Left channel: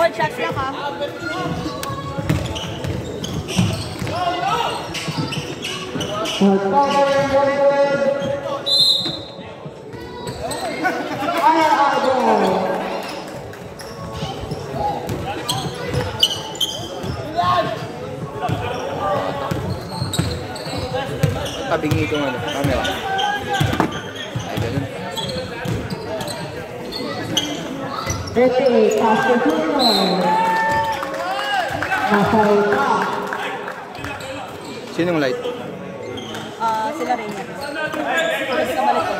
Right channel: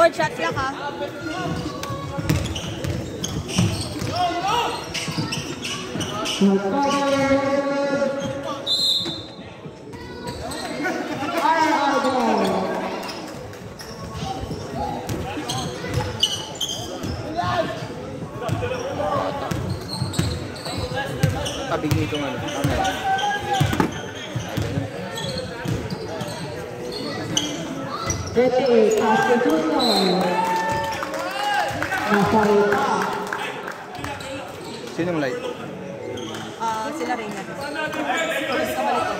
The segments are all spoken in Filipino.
Board shots lang ha. Tabing nito ng camera. Ay, ganun. 38, Pastor Junior. Nasa rita. Sinong light? Sila rin yan. Kasi kabalik ko.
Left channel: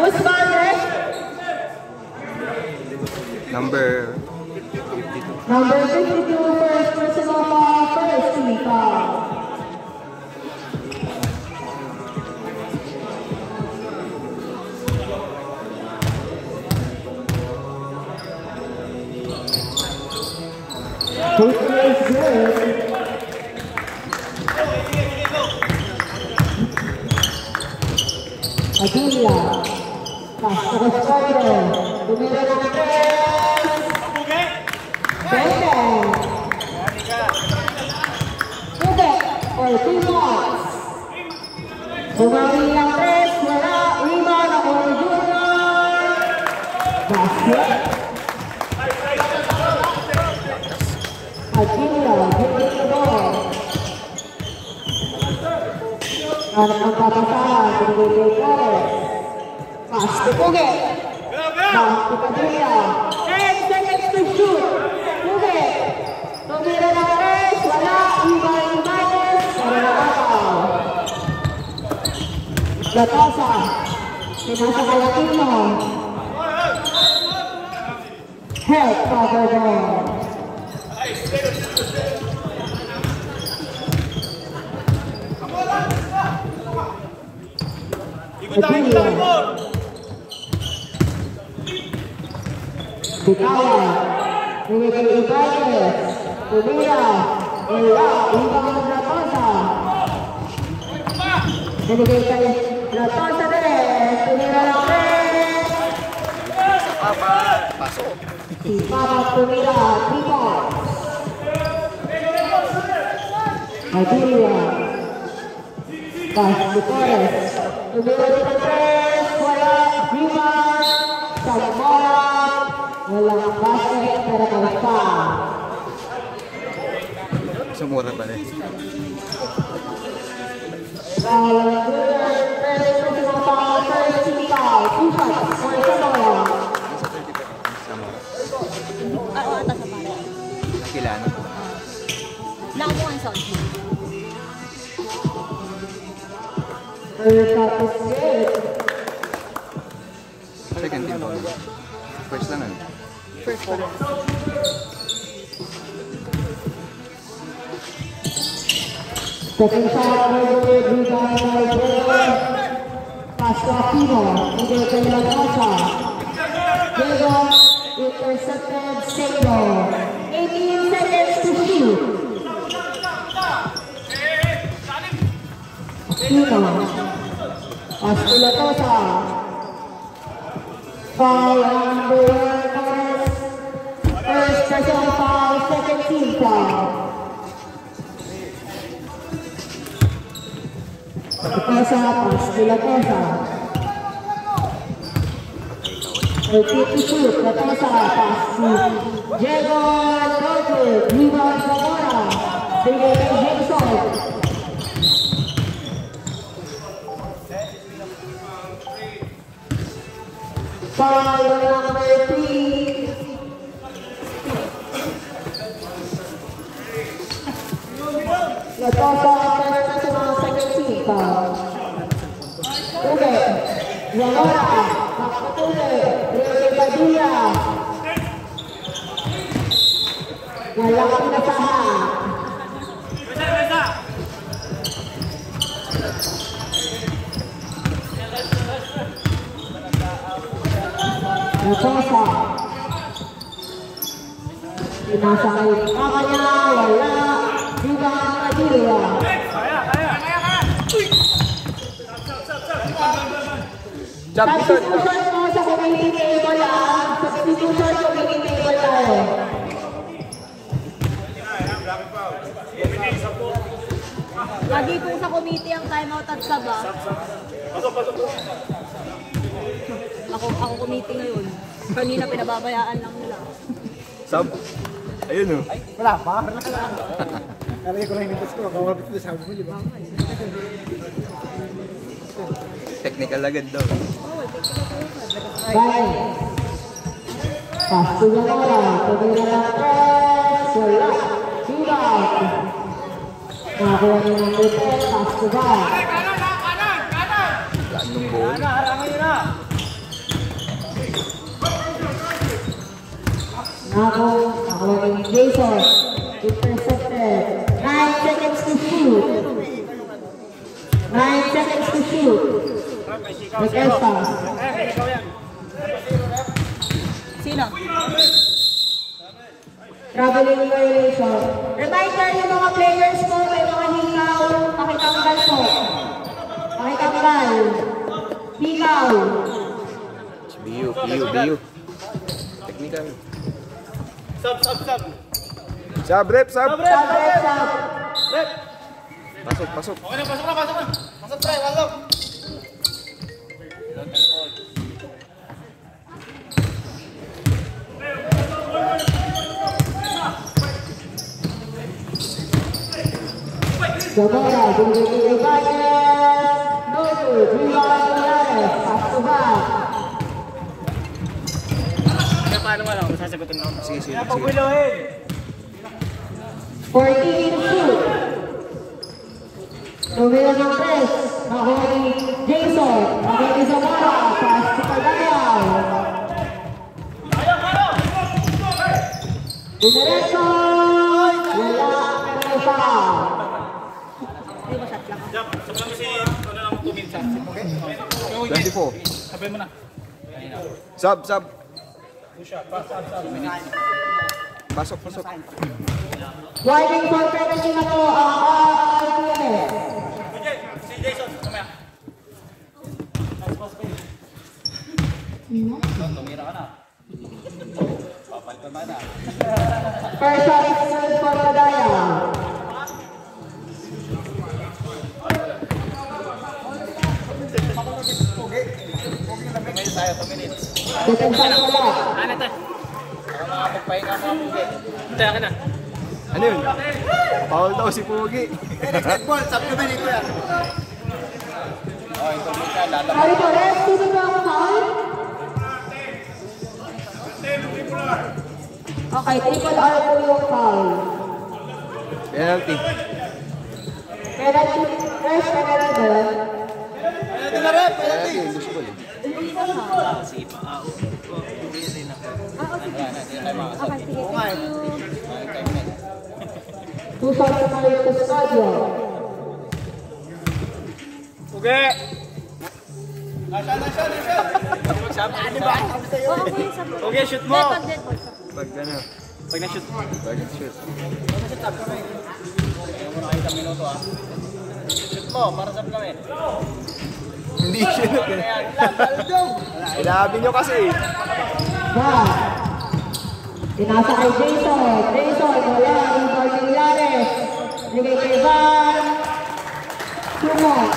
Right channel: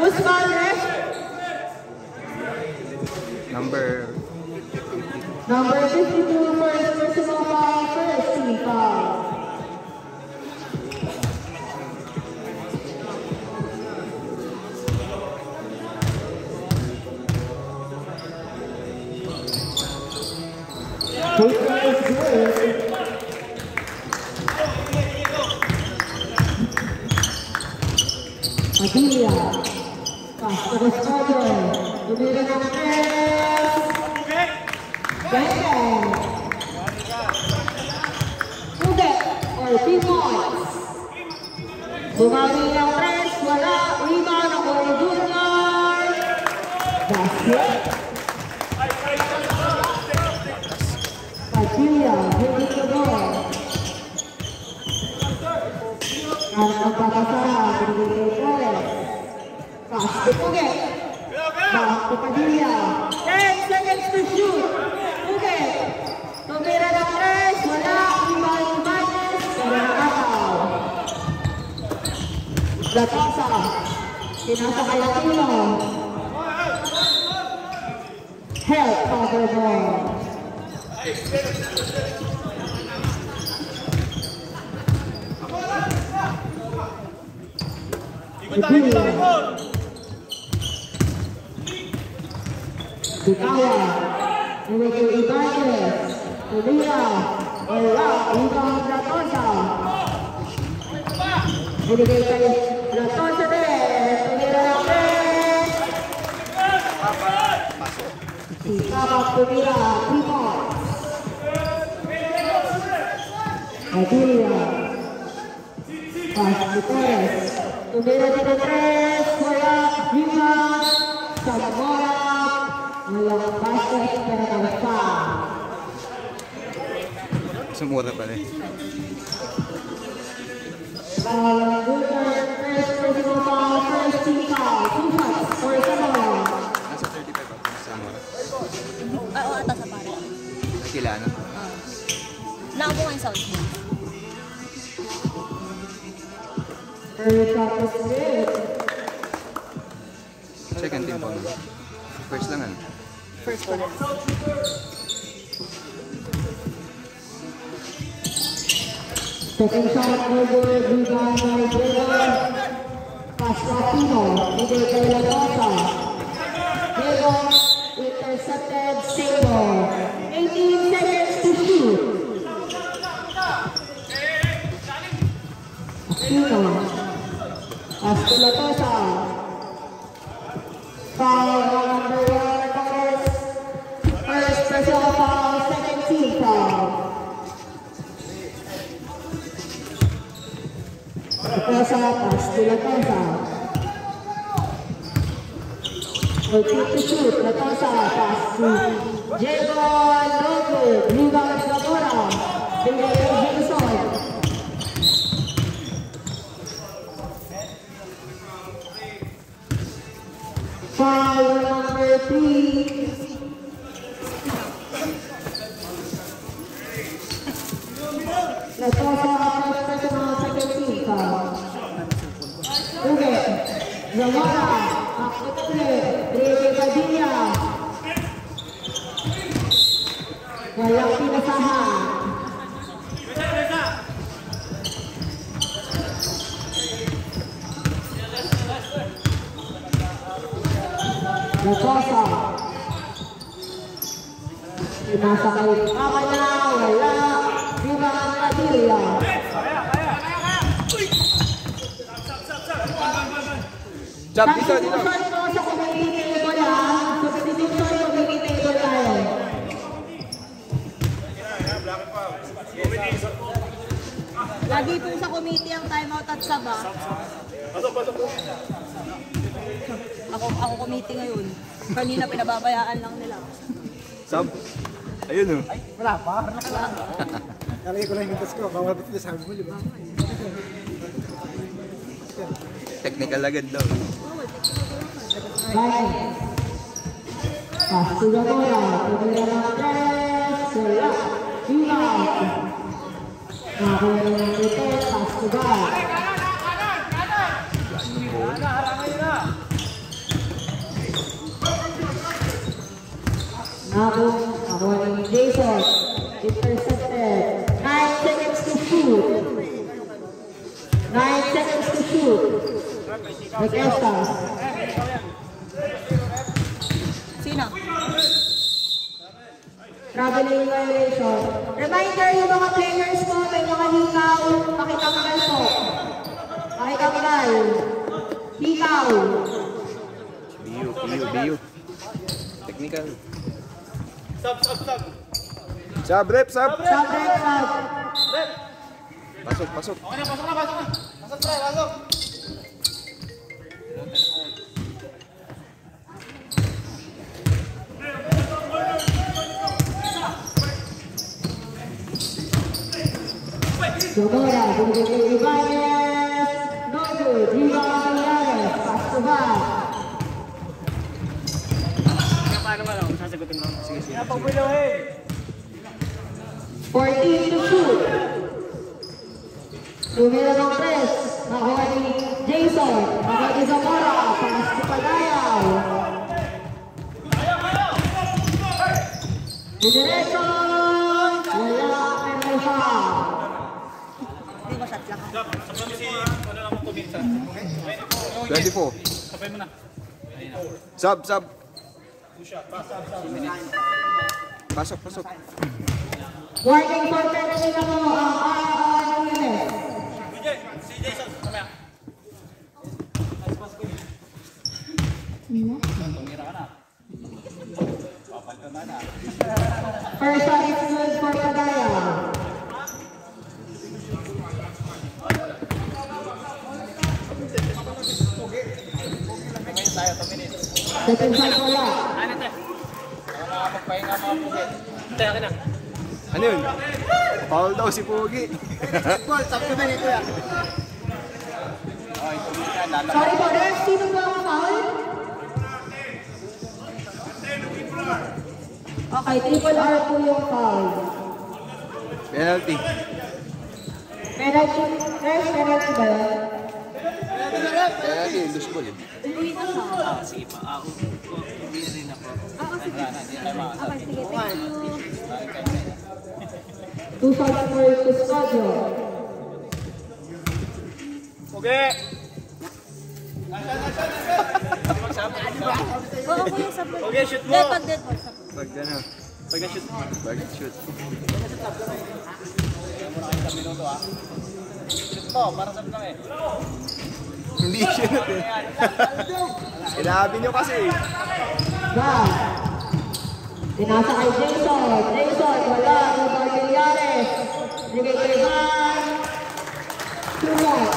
Who's Valdez? Number 52. Number 52, first personal foul, first team foul. Coach is good. Aguila. Pastor Spider. Numero 3. Bacon. Ube. Or 3 points. Bumawi ng 3. Wala. Lima na Uri Junior. Basket. Aguila. Bigyan the ball. Para magpapasahan. Bigyan the ball. Basket Uge. Basket Aguila. 10 seconds to shoot. Uge. Tumira ng 3. Wala. Iba-ibanes. Para nakakaw. Latasa. Pinasa kay Latino. Help cover ball. Aguila. Bitaya. Ini kay Ibanez. Ulira. Wala. Ibang Ratosa. Binigay kay Ratosa rin. Tumira ng 3. Si Papa tumira. 3 points. Aguila. Basket Perez. Tumira din ng 3. Wala. Human. Sagmara. Walang basket pero kalpa. Sumura pa rin. Kila na? Lagi yung sound. Second team ball. First lang ano? First one. Second shot, Pasquatino, bigay kay Lagasa. Diego, intercepted, single. 18 seconds to shoot. Aquino, Pasquilatosa. Foul number 1, Torres. First personal foul, second team foul. Latosa, Pasquilatosa. 30 to shoot, Latosa, Pasqui. Diego, Roque, rebound Zamora. Bigay kay Jameson. Foul number 3. Latosa, first personal, second team foul. Uge, Zamora, Pakatuloy, Rene Padilla. Walang pinasahan. Latosa. Pinasa kay Kamanya, wala. Dugan Padilla. Jump dito, dito. Substitution sa community ito lang. Substitution sa community Ako committee ngayon. Kanina pinababayaan lang nila. Sub. Ayun oh. Wala, bakar na kailangan. Nalagay ko lang yung tas ko. Kawabit ko sabi mo, di ba? Technical agad daw. Baik. Pasti Zamora. Kemudian Lantes. Wala. Hilang. Nakuha niya ng Lantes. Pasti ba? Nakuha niya ng Jason. Intercepted. 9 seconds to shoot. 9 seconds to shoot. Nag-estas. Sino? Traveling violation. Reminder yung mga players po, may mga hinaw. Pakitanggal po. Pakitanggal. Hinaw. BU. Technical. Sub, rep, sub. Pasok. Zamora, binibigay Reyes. David, Diwan Reyes. Pasuba. Paano nga lang, sasagutin mo. Sige. 14 to shoot. Numero ng 3. Nakuha ni Jason. Nakuha ni Zamora. Pass to Pagayaw. Diretso. Wala ang siya. Hindi ko shot lang. Sabay mo si, ano lang, 2 minutes. 24. Sabay mo na. Sub. Push-up, pass. Pasok. Driving protection na po ang Si Jason, mamaya. Tumira ka na. Papal ka na. First shot is good for Pagayaw. Second shot wala. Ano to? Para makapagpahinga mga pugi. Hintay ka na. Ano yun? Foul daw si Pogi. Ball, sabi ko ba dito yan? Oh, ito dito, lalaman. Sorry po, ref, sino ba ang foul? Okay, triple R po yung foul. Penalty. Penalty, ref, penalty ba yan? Penalty, invisible eh. Wala na, hindi tayo makasal. Two shots for Custodio. Pugi! Okay, shoot mo! Pag na. Pag na-shoot mo. Pag shoot. Kaya mo na kayo sa minuto ah. Shoot mo, para sa lang eh. Hindi shoot eh. Sinabi nyo kasi. Van. Pinasa kay Jason. Jason, wala. Rebound Villarez. Bigay kay Van. Tumot.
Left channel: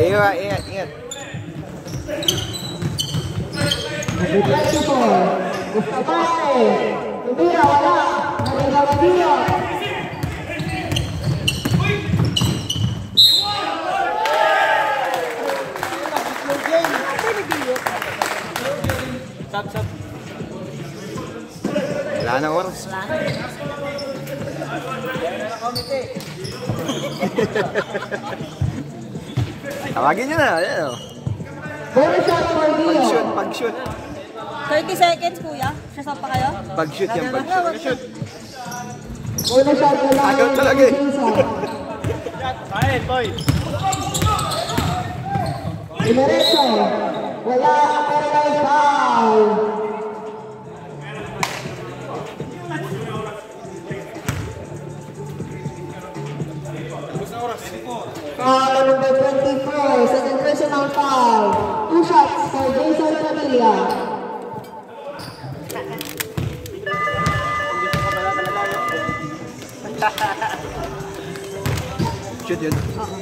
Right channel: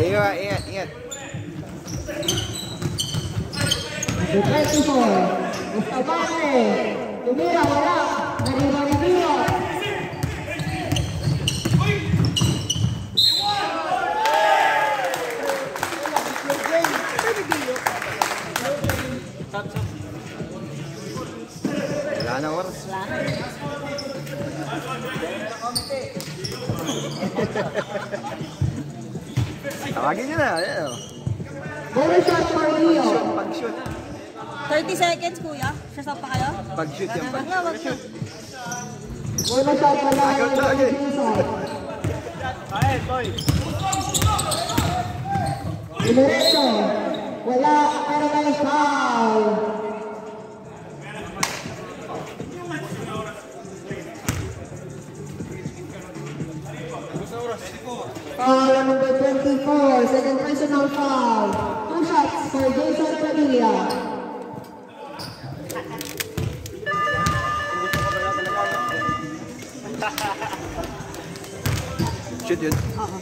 Ingat. Nag-24. Gustapate. Tumira, wala. Nag-rebound Villarez. Wala nang oras. Tawagin nyo na. Ayan o. Bonus shot for Dio. Pag-shoot. 30 seconds, kuya. Sasap pa kayo? Pag-shoot yan. Pag-shoot. Bonus shot for Agad talaga eh. Ayan, boy! Diretso. Wala. Pero may foul. Foul number 24. Second personal foul. 2 shots for Jason Padilla. Shoot yun. Oo.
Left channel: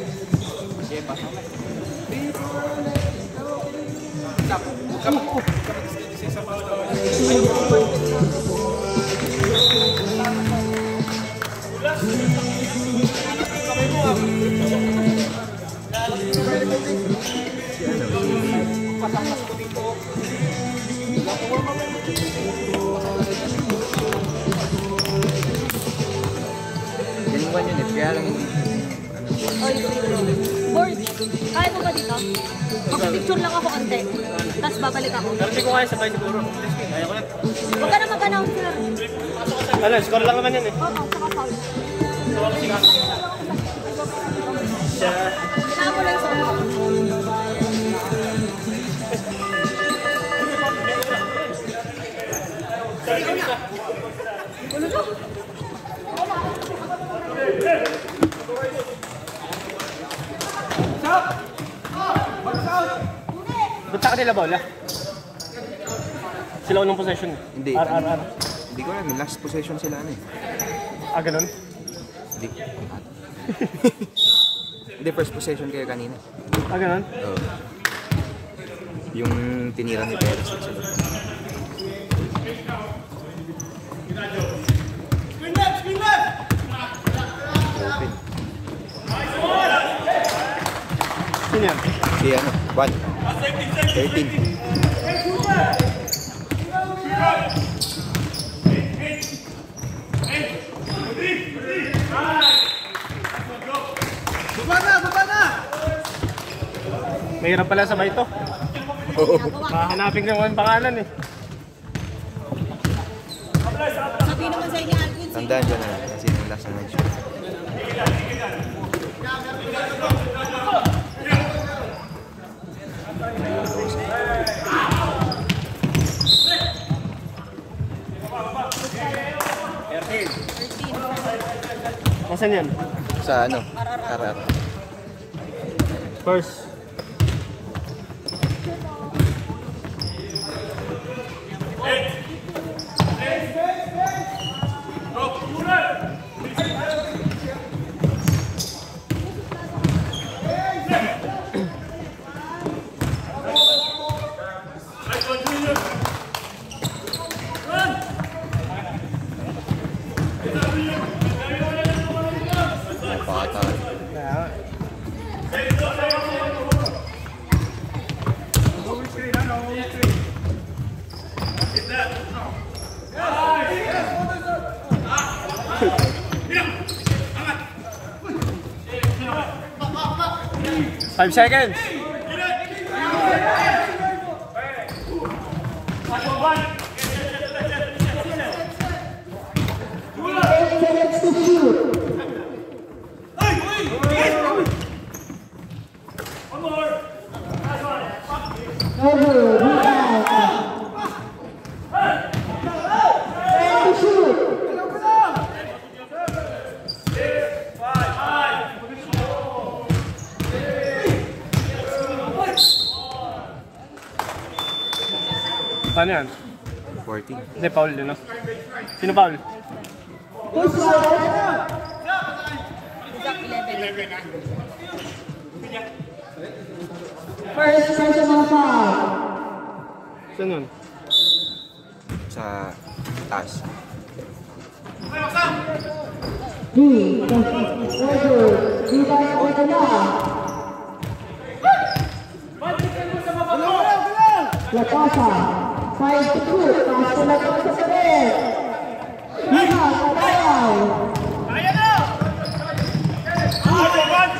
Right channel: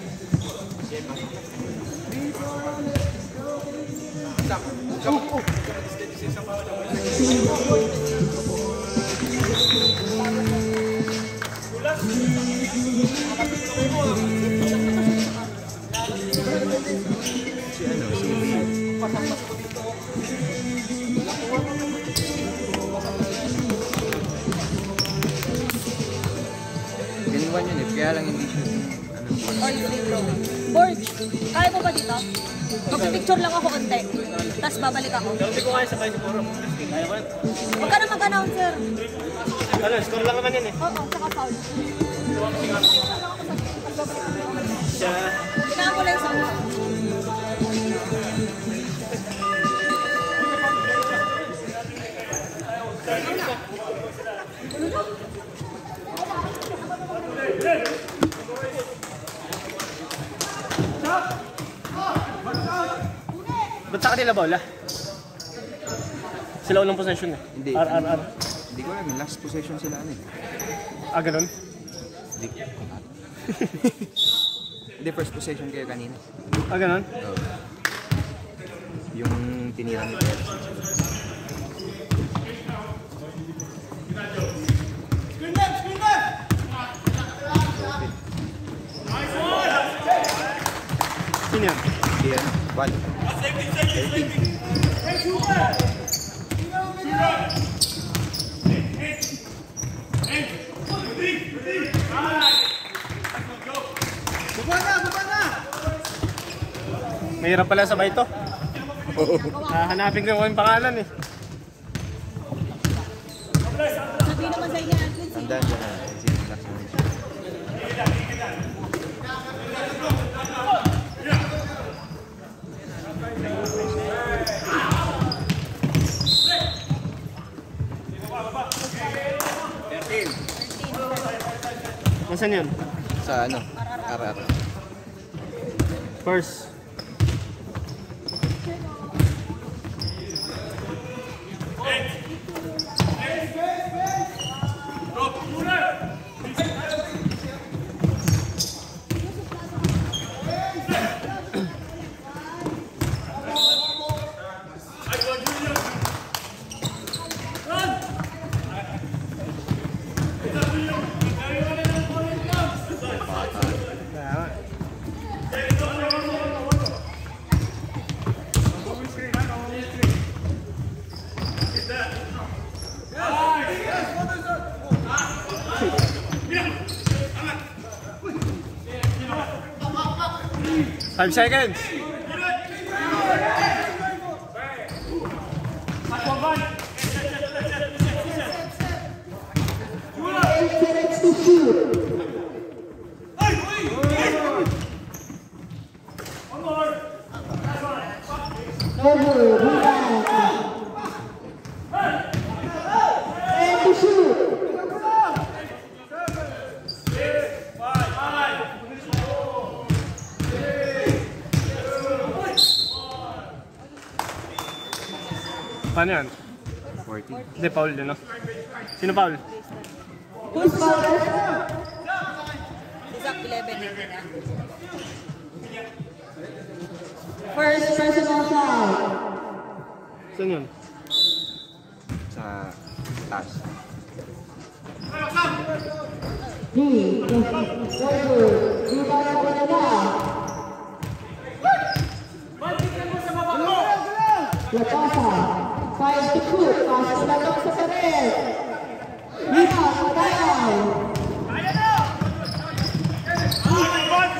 Pasang-pas ko dito. Dalawa yun eh, kaya lang hindi. Board, kaya mo ba dito? Makapicture lang ako konti. Tapos babalik ako. Pero hindi ko kaya sabay siguro. Kaya ko yan. Magkano, sir? Ano, score lang naman yun eh. Oo, saka foul. Siya. Kailangan mo lang sa Ba't sa kanila bola? Sila unang possession eh. Hindi. RRR. Hindi ko alam, last possession sila ano eh. Ah, ganun? Hindi. Hindi, first possession kayo kanina. Ah, ganun? Oo. Yung tinira ni Perez na sila. Sino yan? Si ano, 1. 13. Mahirap pala sabay ito. Hahanapin ko yung pangalan eh. sabihin naman sa inyo, Alvin. Tandaan dyan na, sino yung last na nag-shoot. Nasaan yan? Sa ano? RR. First. Five seconds. Paano yan? 14. Hindi, foul din, no? Sino foul? Exact 11. First personal foul. Saan yun? Sa taas. Latasa, 5 to shoot, pass na lang sa pared. Hina, Kadayaw.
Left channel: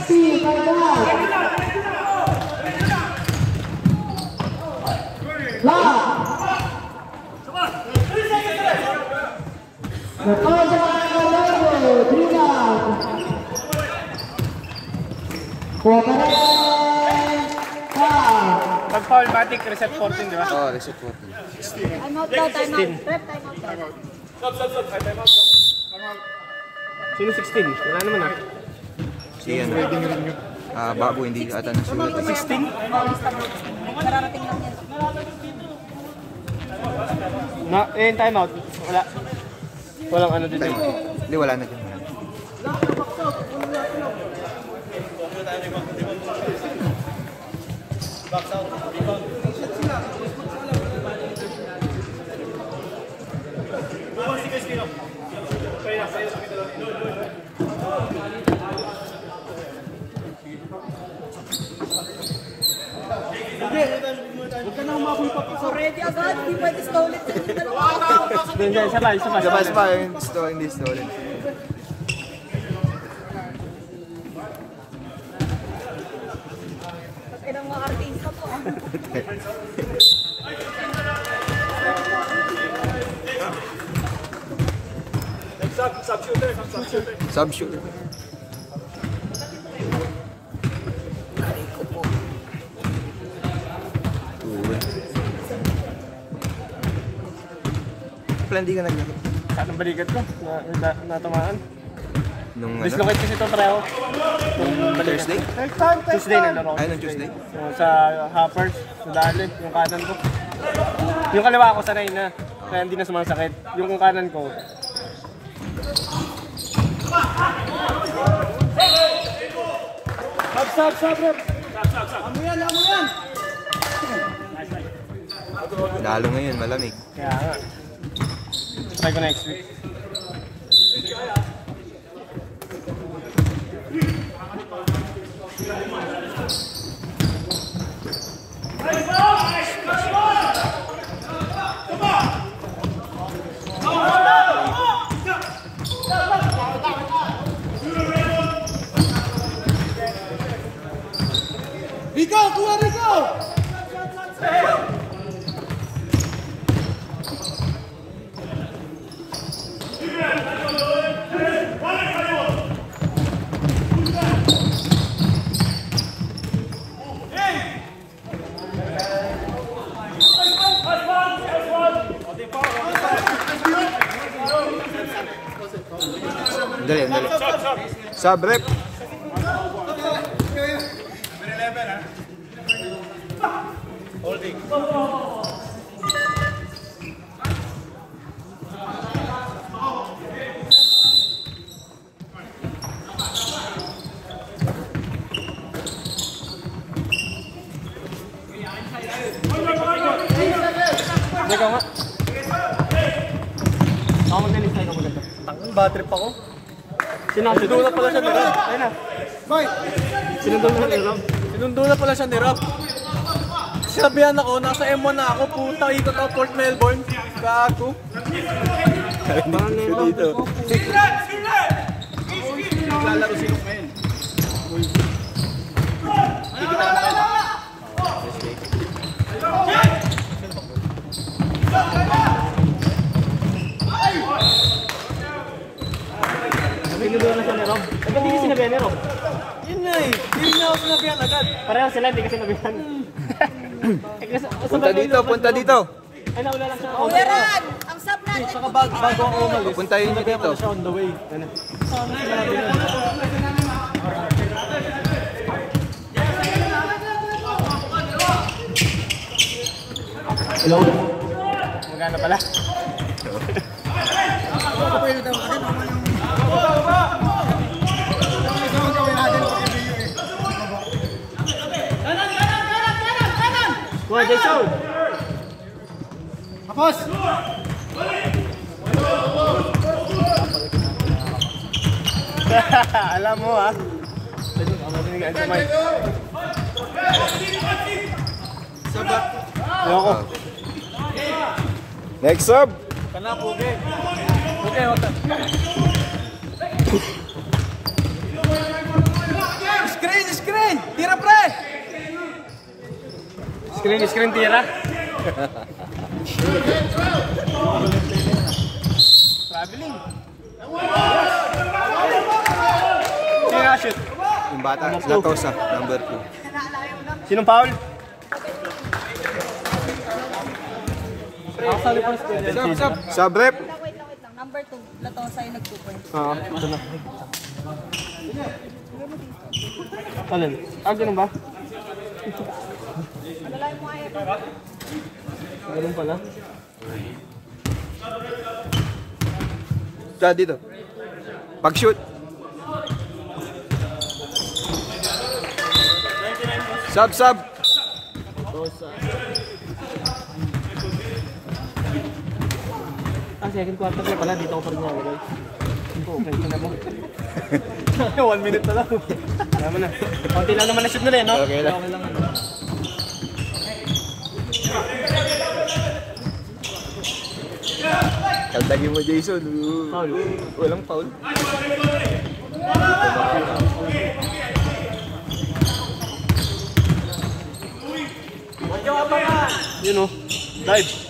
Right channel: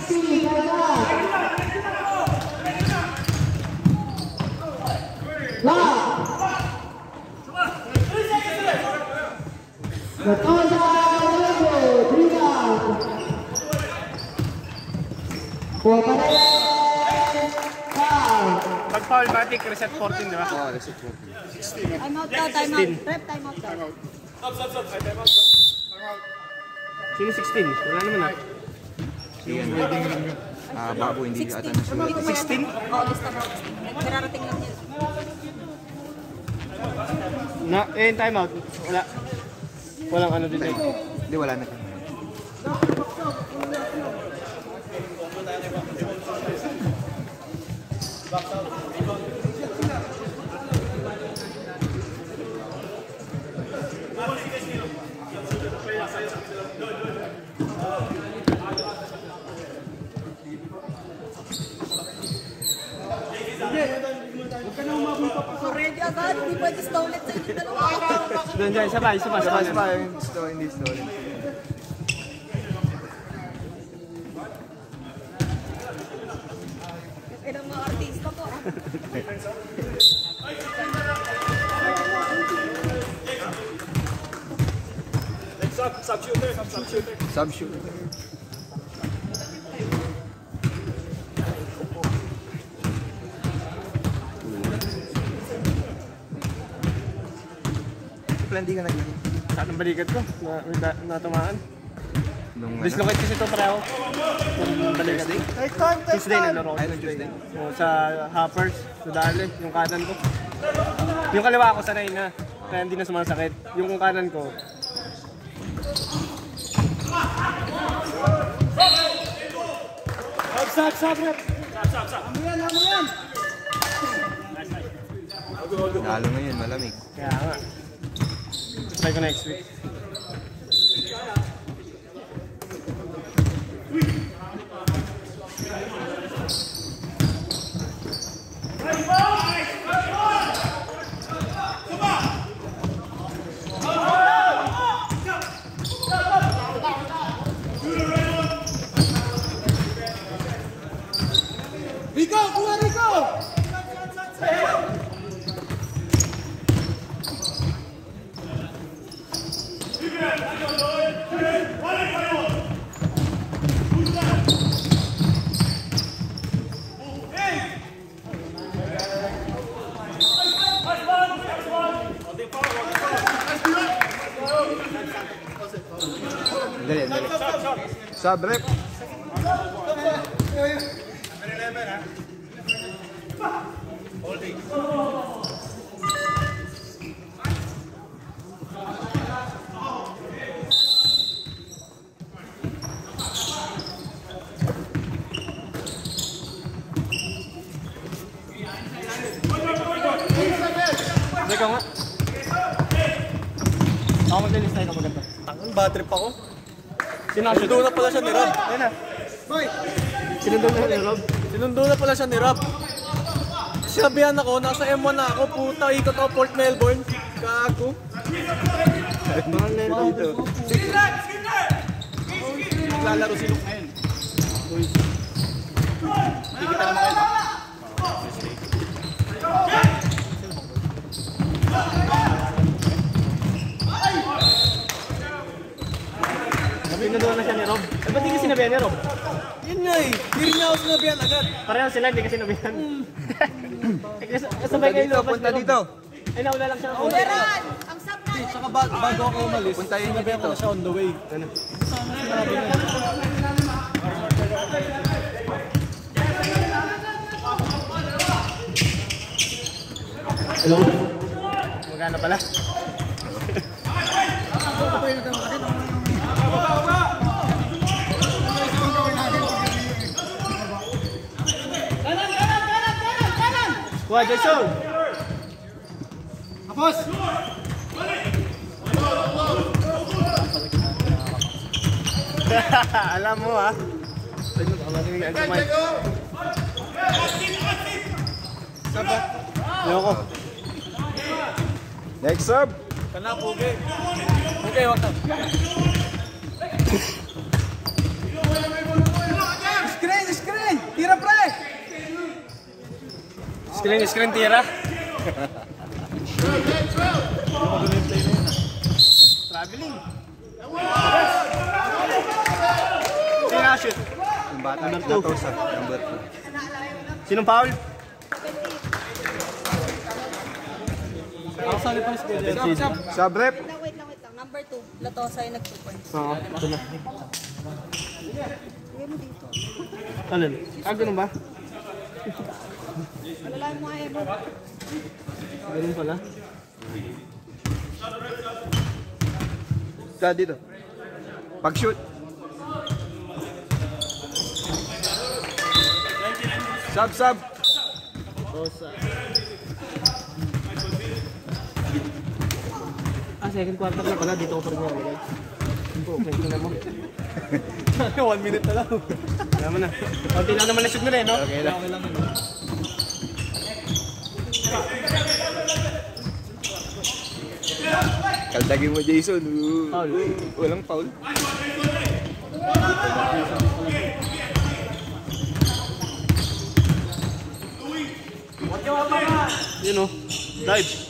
Si Kadayaw. Lock. Latasa, Kadayaw, Trinidad. Kuha pa rin. Foul. Pag foul, batik, reset 14, di ba? Oh, reset 14. Time out daw, time out. Rep, time out. Sino 16? Wala naman ah. Si ano? Babo, hindi ata nasulat. 16? Bautista. Kararating lang yan. Na, time out. Wala. Walang ano dito. Hindi, wala na dyan. agad. Hindi pwede stolen. Doon dyan, isa pa. Labas pa yung hindi stolen. Inang mga artista po. Sub shooter. Pala hindi ka naglagay. Saan ang balikat ko? Natamaan. Nung Dislocate kasi ito treo. Itong balikat ko. Tuesday naglaro ko. Ay, nung Tuesday? So, sa hoppers, sa dali, yung kanan ko. Yung kaliwa ko sanay na. Kaya hindi na sumasakit. Yung kanan ko. Sab, rep. Lalo ngayon, malamig. Kaya nga. Try ko next week. Rico, kuha Rico! Dali. Sub rep. Ikaw nga. Ako magalis na ikaw maganda. Bad trip ako. Sinundo na pala siya ni Rob. Ayun na. Mike, Sinundo na ni Rob. sinundo na pala siya ni Rob. Sabihan ako, nasa M1 na ako, puta, ikot ako Port Melbourne. Gago. Mahal na ito. Lalaro si Luke ngayon. Kikita naman kayo ba? Sinundo na siya ni Rob. Ay, ba't di ka sinabihan ni Rob? Yun nga eh. Yun nga ako sinabihan agad. Pareho sila, hindi ka sinabihan. Punta dito. Ay, nauna lang siya. Meron! Ang sabran! Saka bago ako umalis, Puntayin niyo sinabihan ko dito. na siya on the way. Sana sinabi na nila. Hello? Magana pala. Wah, Jason! Tapos! Alam mo ha? Binigyan sa mic. Saba. Ayoko. Next sub. Kana pugi. Okay, hotan. Screen! Tira pre! Screen tira. Traveling. Sino na-shoot? Yung bata, Number two. Latosa, number 2. Sinong foul? Ako sali pa sa Sub. Sub rep. Wait lang. Number 2. Latosa yung nag-keeper. Oo, ito na. Alin? Ganun ba? Malalayan mo nga yan. Ganun pala. Ka dito. Pag-shoot. Sub. Second quarter na pala. Dito ako pa rin niya, guys. Okay, tingnan mo. 1 minute na lang. Alam mo na. Konti lang naman na-shoot nila eh, no? Okay lang. Tandagin mo, Jason. Foul. Walang foul. Yun o. Dive.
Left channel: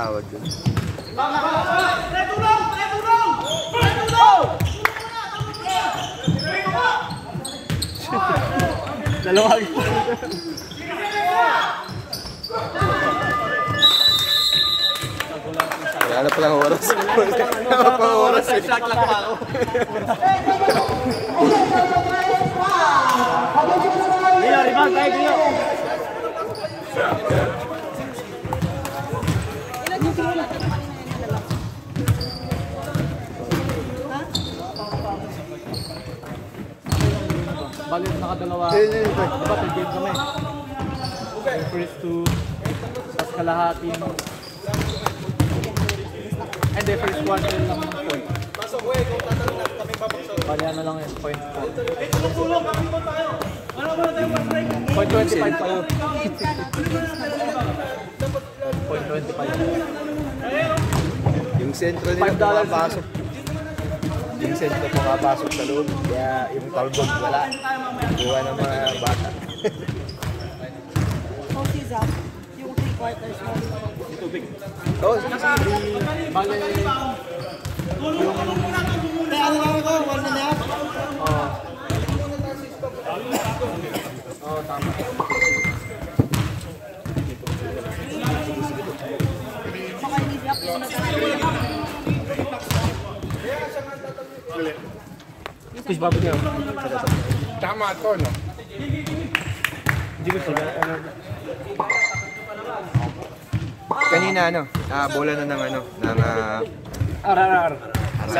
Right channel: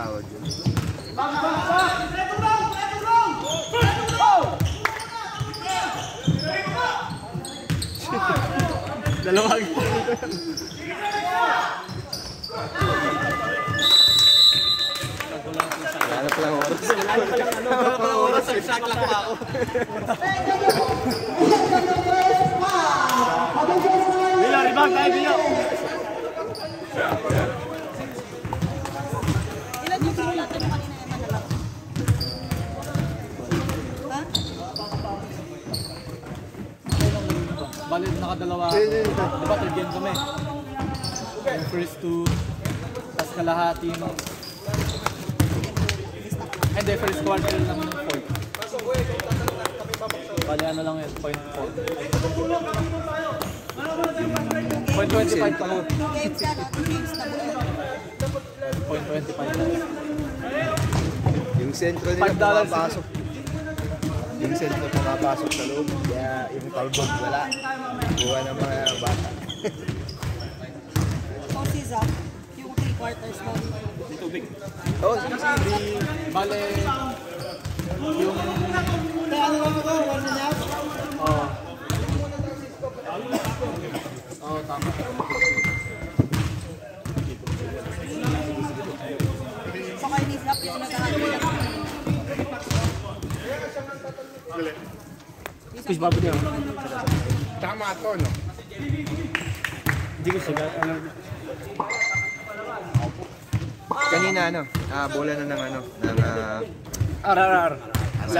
Tawag yun. Dalawag. Wala na palang oras. Wala pa lang oras. Exact lang pa ako. Gila, rebound tayo, gila. Ilan yung sinulatan mo kanina yan na lang? Ha? Balik nakadalawa. Diba, third game kami. Yung first two, tas kalahating. Hindi, first quarter lang yung point. Bali ano lang yun, point. Point 25 ako. Point 25. Yung sentro nila pumapasok. Yung sentro pumapasok sa loob. Kaya yung talbog wala. Kuha ng mga bata. So, si Zach, yung 3 quarters mo. Oh, sige, sige. Bali, yung... Kaya ano lang ako, 1.5? Saka ni Zach yung nagkakaroon. Push babad niya. Tama to, no? Hindi ko sila. Kanina ano, bola na ng ano, ng RRR.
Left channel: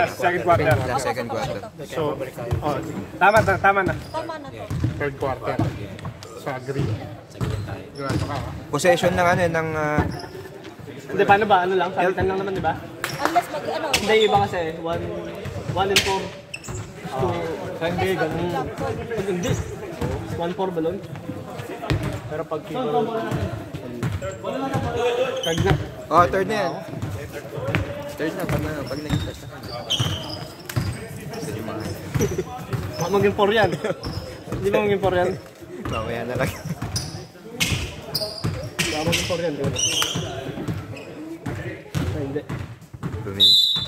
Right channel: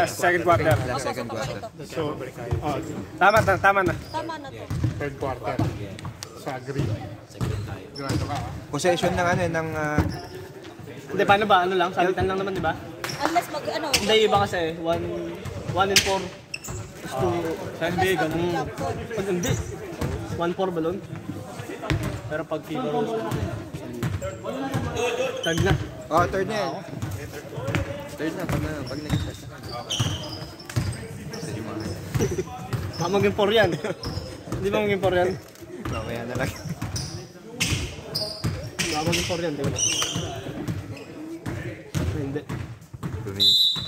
Second quarter. last second quarter. So, oh, tama na. Tama na to. Third quarter. Sa green. Grado ka, ha? Possession ng ano, ng Hindi, paano ba? Ano lang? Salitan lang naman, di ba? Unless mag, ano, Hindi, iba kasi. 1 and 4 is to... Hindi, ganun. Hindi. 1-4 balon. Pero pag kilo... Tag na. oh, third na yan. Third na, pag nag-start na. Gusto nyo mga Baka maging 4 yan. Hindi ba maging 4 yan? mamaya na lang. Baka maging 4 yan, di ba? Hindi. 2 minutes.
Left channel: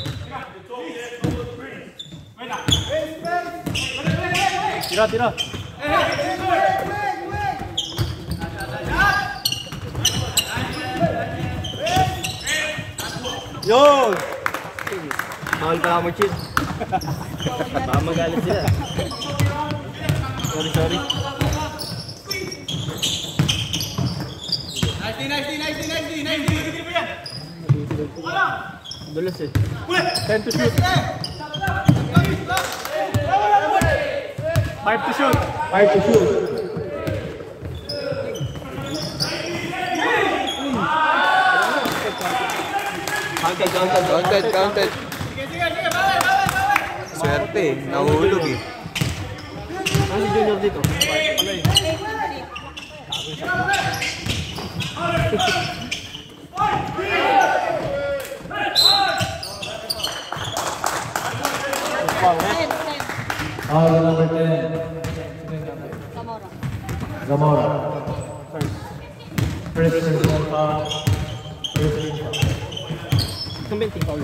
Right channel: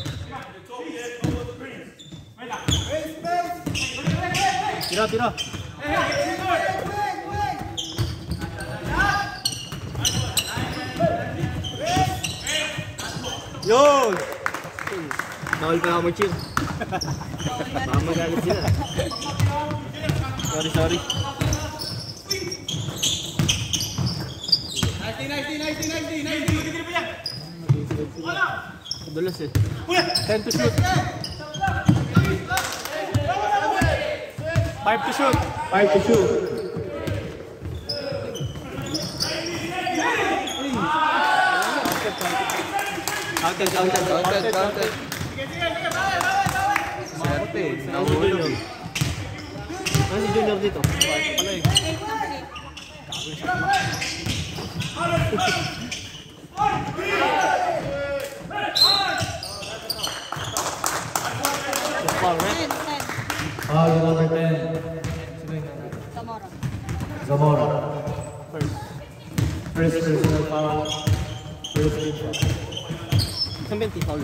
Tira. Yun! Mahal pala ako mag-chill. Baka magalit sila. Sorry. Madulas eh. 10 to shoot. 5 to shoot. Counted. Swerte, nahulog eh. Ano si Junior dito? Zamora. Kumbenti, Paul.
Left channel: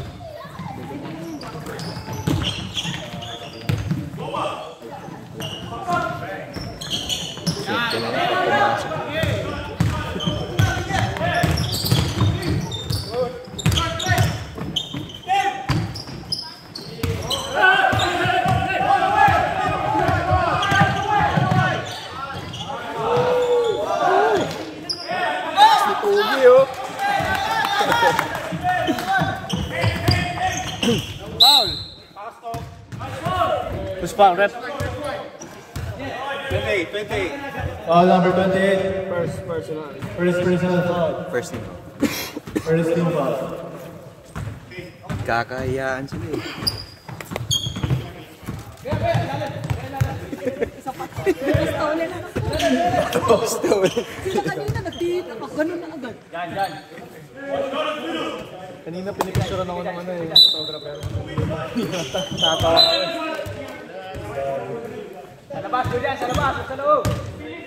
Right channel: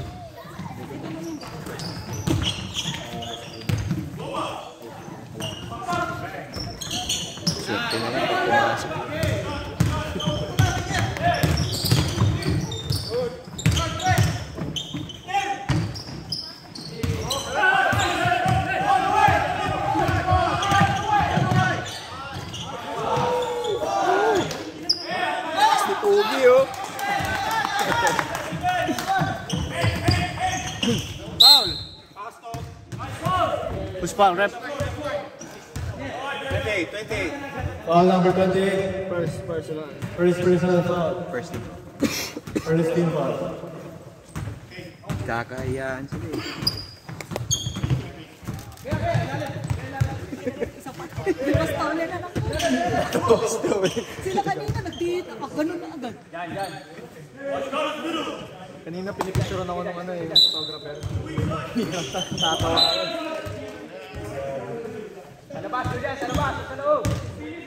Swerte na lang pag pumasok. Tugi oh. Paul! Push pa, rep. 20. Foul number 28. First personal. First personal foul. First team. First team foul. Kakayaan sila eh. Basta uli na lang. Sila kanina nagtita pa. Ganun na agad. Kanina pinipicturean ako ng ano eh, yung photographer. Tatawa ako.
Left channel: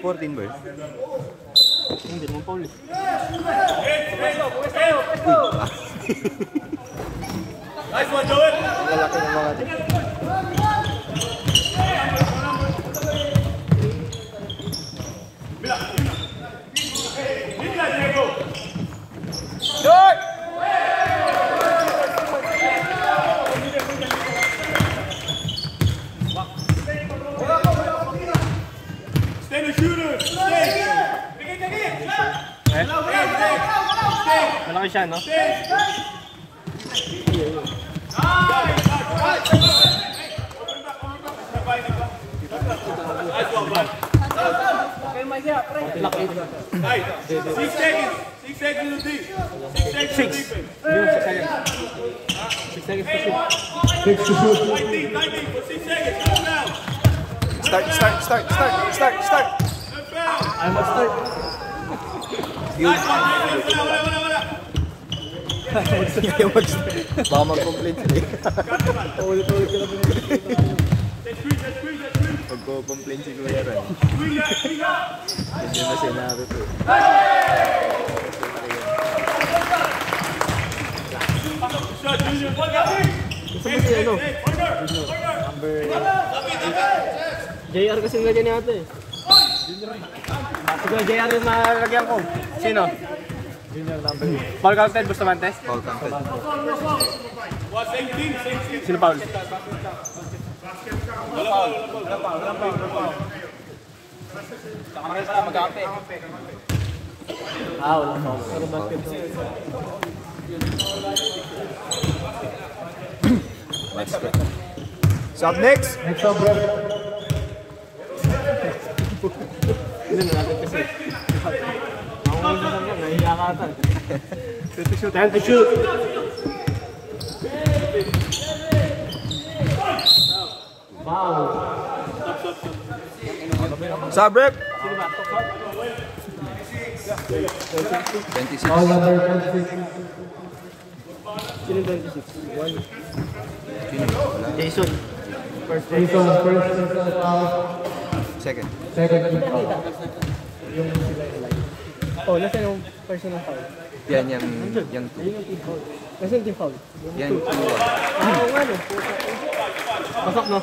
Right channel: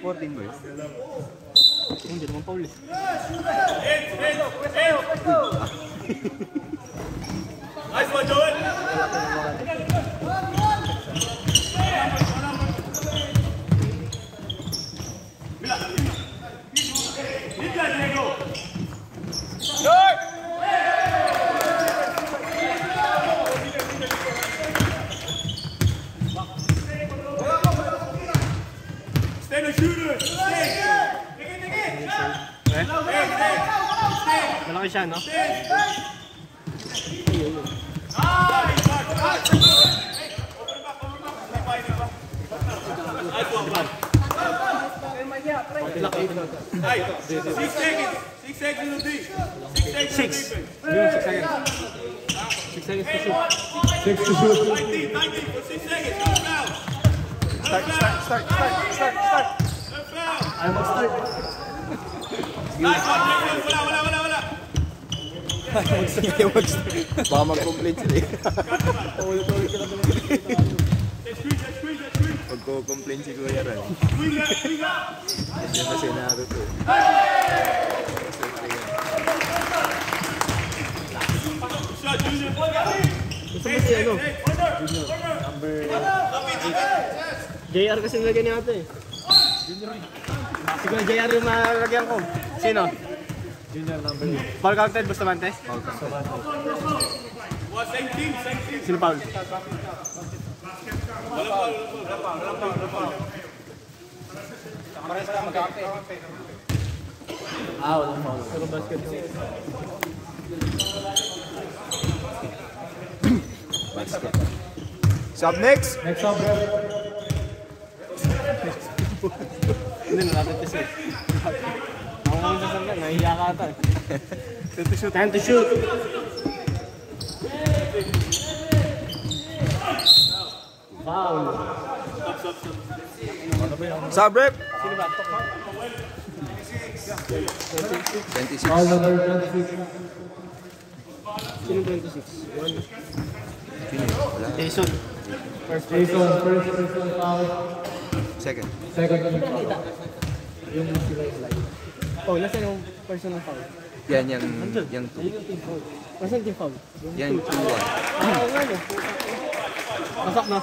14 birds. Hindi naman Paul. Nice one, Joel! Malaki siya, no? Six seconds to shoot. Start. I'm mag-start. Baka mag-complete sila eh. Magko-complain si Kuya Ron. Hindi na sinagot eh. Gusto mo si ano? Number... JR kasi nilagyan niya ate. Siguro JR yung malagyan ko. Sino? Winner number 8. Paul counted, Bustamante? Sino Paul? Walang foul. Pero basket to. Basket. So up next. Next up, bro. Hindi na natin kasi. Ako nga sa sanggan, nahiya ka ata. Time to shoot! Foul. Sub rep. Sino ba? 26. Foul number 26. Sino 26? One. Jason. First Jason, first personal foul. Second. Second foul. Yung sila yung line. Oh, nasa yung personal foul? Yan, yung 2. Ayun yung team foul. Nasa yung team foul? Yan, 2-1. Oo nga no. Pasak no?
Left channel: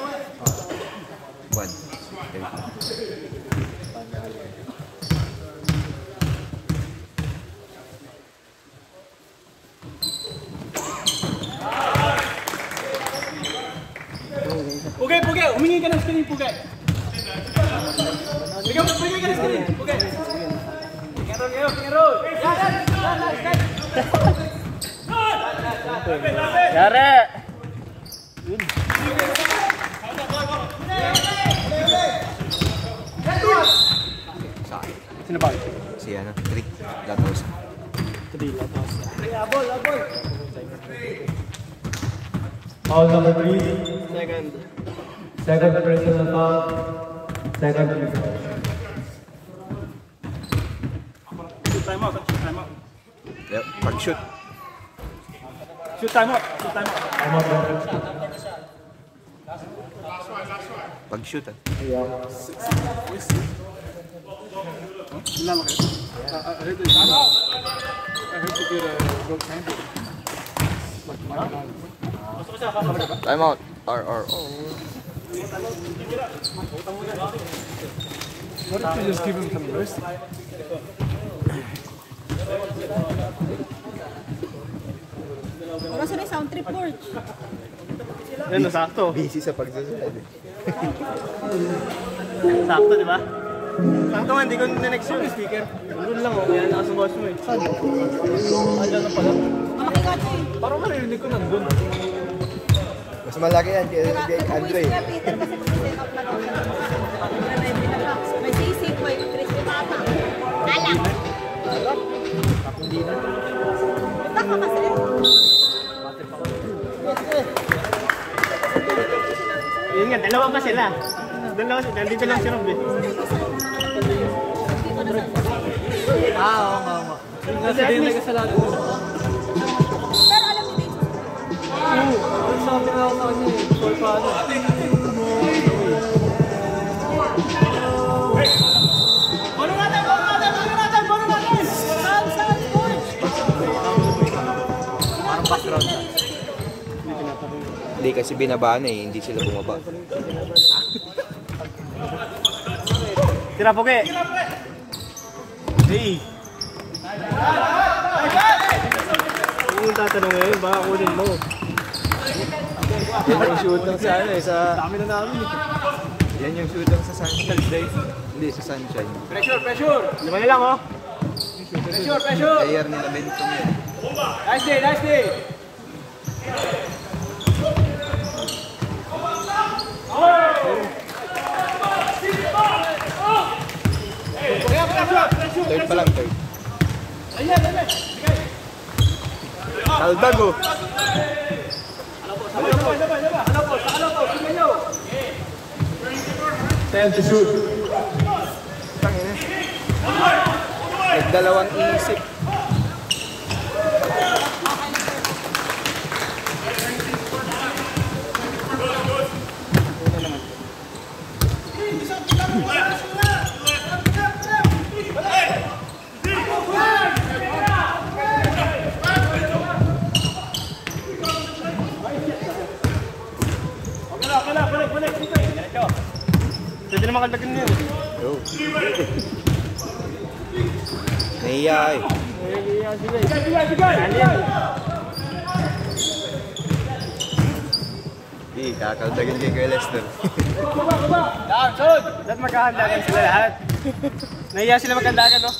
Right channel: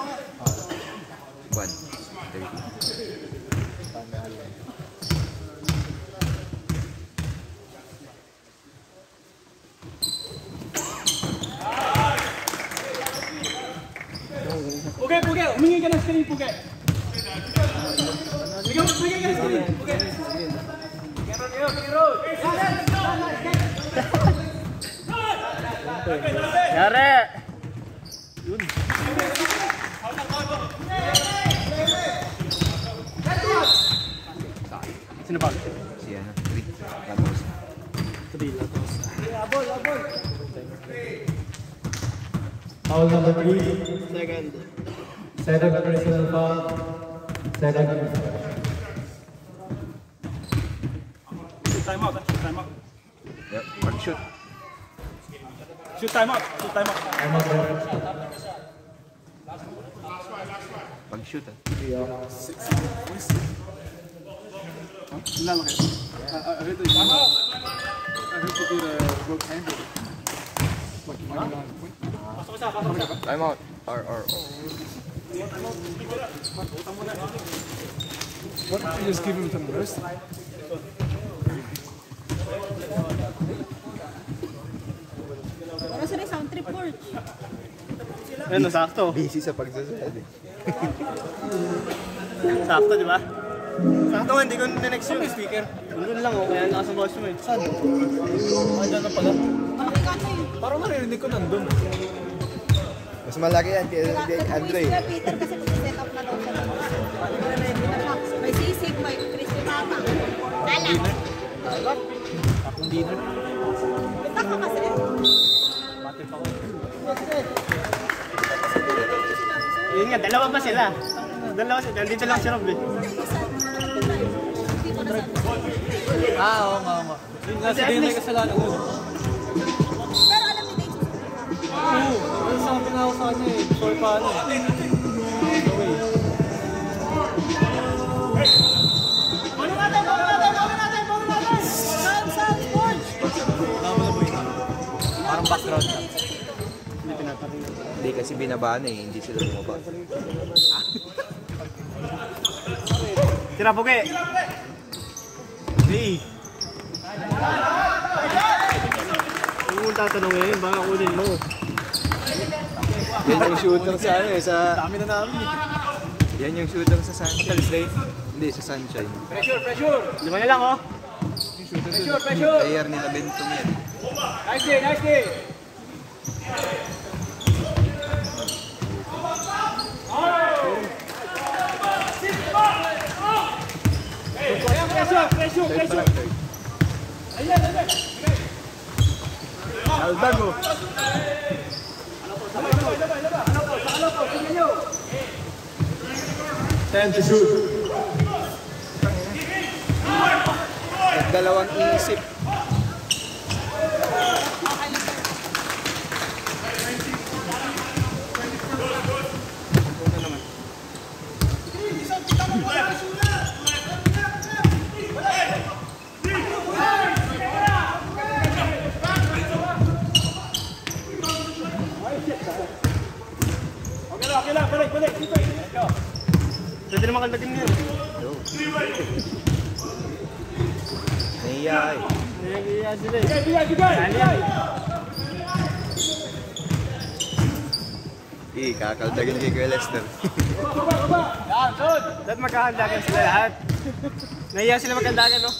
1. Puge! Humingi ka ng screen, Puge! Bigyan ka ng screen, Puge! Yare! Yun. Sino ba? Si ano, 3. Gatos. Kadila to. Foul number 3. Second. Second personal foul. Second personal. Time out. Yep, pag-shoot. Shoot time out. I'm out there. Pag-shoot ah. Time out. RR. What if you just give him some mercy? Para sa sound trip board. Ayun, sakto. Busy sa pagsasunod. Sakto, di ba? Sakto nga, hindi ko na-next yung speaker. Nandun lang, kaya nakasabos mo eh. Saan? Ayun na pala. Malaki ka ito eh. Parang narinig ko nandun. Basta malaki yan kay Andre. Kuya Peter kasi mag-set up na daw siya. Ready na siya. May sisig, may crispy pata. Alak. Hindi na. Punta ka kasi. Yun nga, dalawa pa sila. Dalawa sila, dito lang siya nung Oo nga. Kasi din may kasalanan. Pero alam niyo din. Ay, sa akin ako sa kanya eh. Sure pa ano. Saan, George? Kailangan pa sila narinig dito. Hindi kasi binabaan eh, hindi sila bumaba. Tira Poke! Hey! Kung tatanong ngayon, baka kunin mo. Yan yung shoot lang sa ano eh, sa... Dami na namin eh. Yan yung shoot lang sa Sunshine. Hindi, sa Sunshine. Lima na lang oh. Player nila Benton yan. Nice day! Third pa lang, third. Aldago. Nagdalawang isip. Pwede naman kalagin niyo. Naiya eh. Kakaldagan kay Kuya Lester. Dapat magkakandagan sila lahat. Nahiya sila magkandagan, no?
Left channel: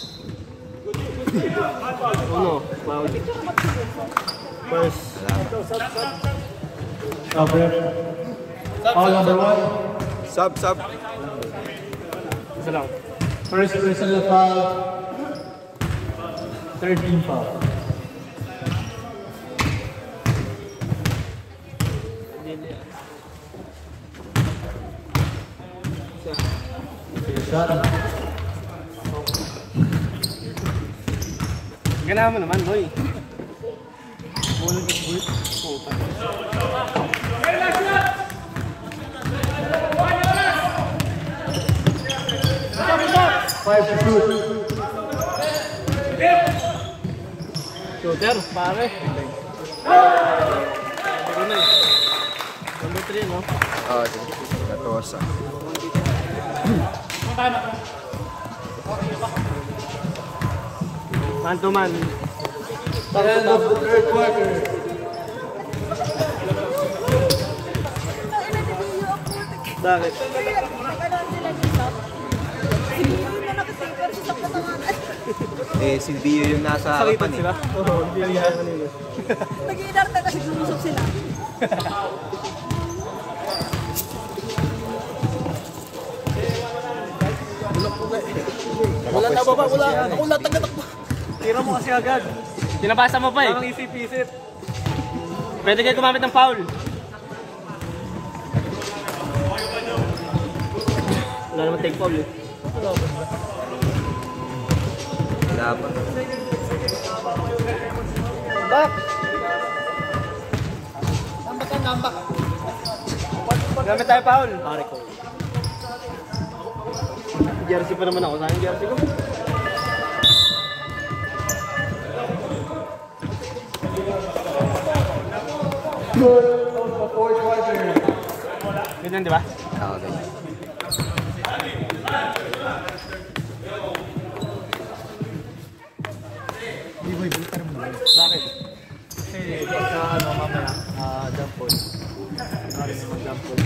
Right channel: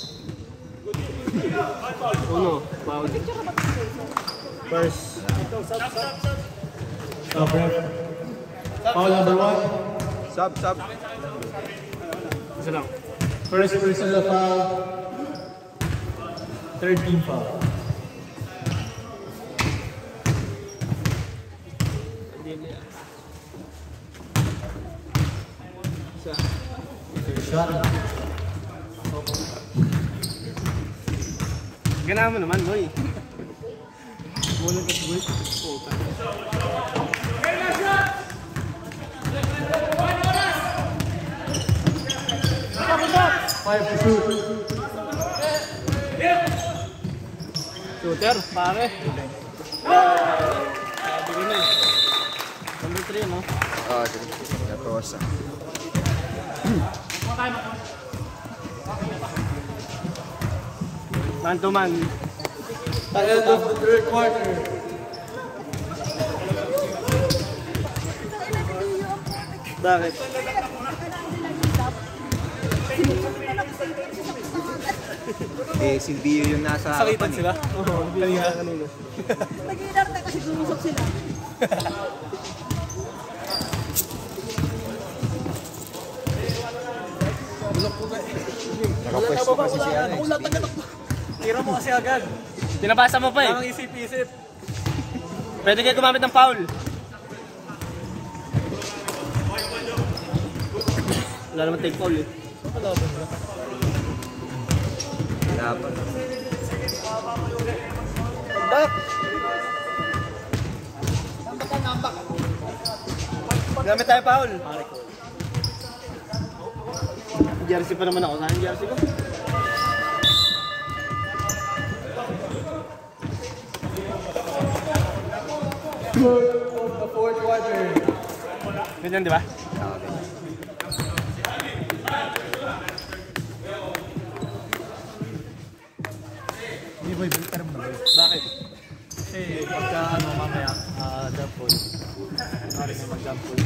Uno, foul. First. Foul number 1. Sub. Isa lang. First personal foul. Third team foul. Shot. Ganahan mo naman, boy. Bulan ka bulit. Puta. Five to shoot. Shooter, pare. Sabi ko na eh. Number 3, no? Oh, 14. Man to man. End of the third quarter. Bakit? Eh, si Bio yung nasa harapan eh. Oo, hindi lang yan. Nag-iinarte kasi lumusot sila. Wala na baba, wala tagatakbo. Tira mo kasi agad. Kinabasa mo pa eh. Ang isip-isip. Pwede kayo gumamit ng foul. Wala naman take foul eh. Wala pa. Nambak. Gamit tayo foul. Pare ko. Jersey pa naman ako. Saan yung jersey ko? Fourth quarter. Ganyan, di ba? Okay. Bakit? Kasi sa ano mamaya, jump ball. Jump ball.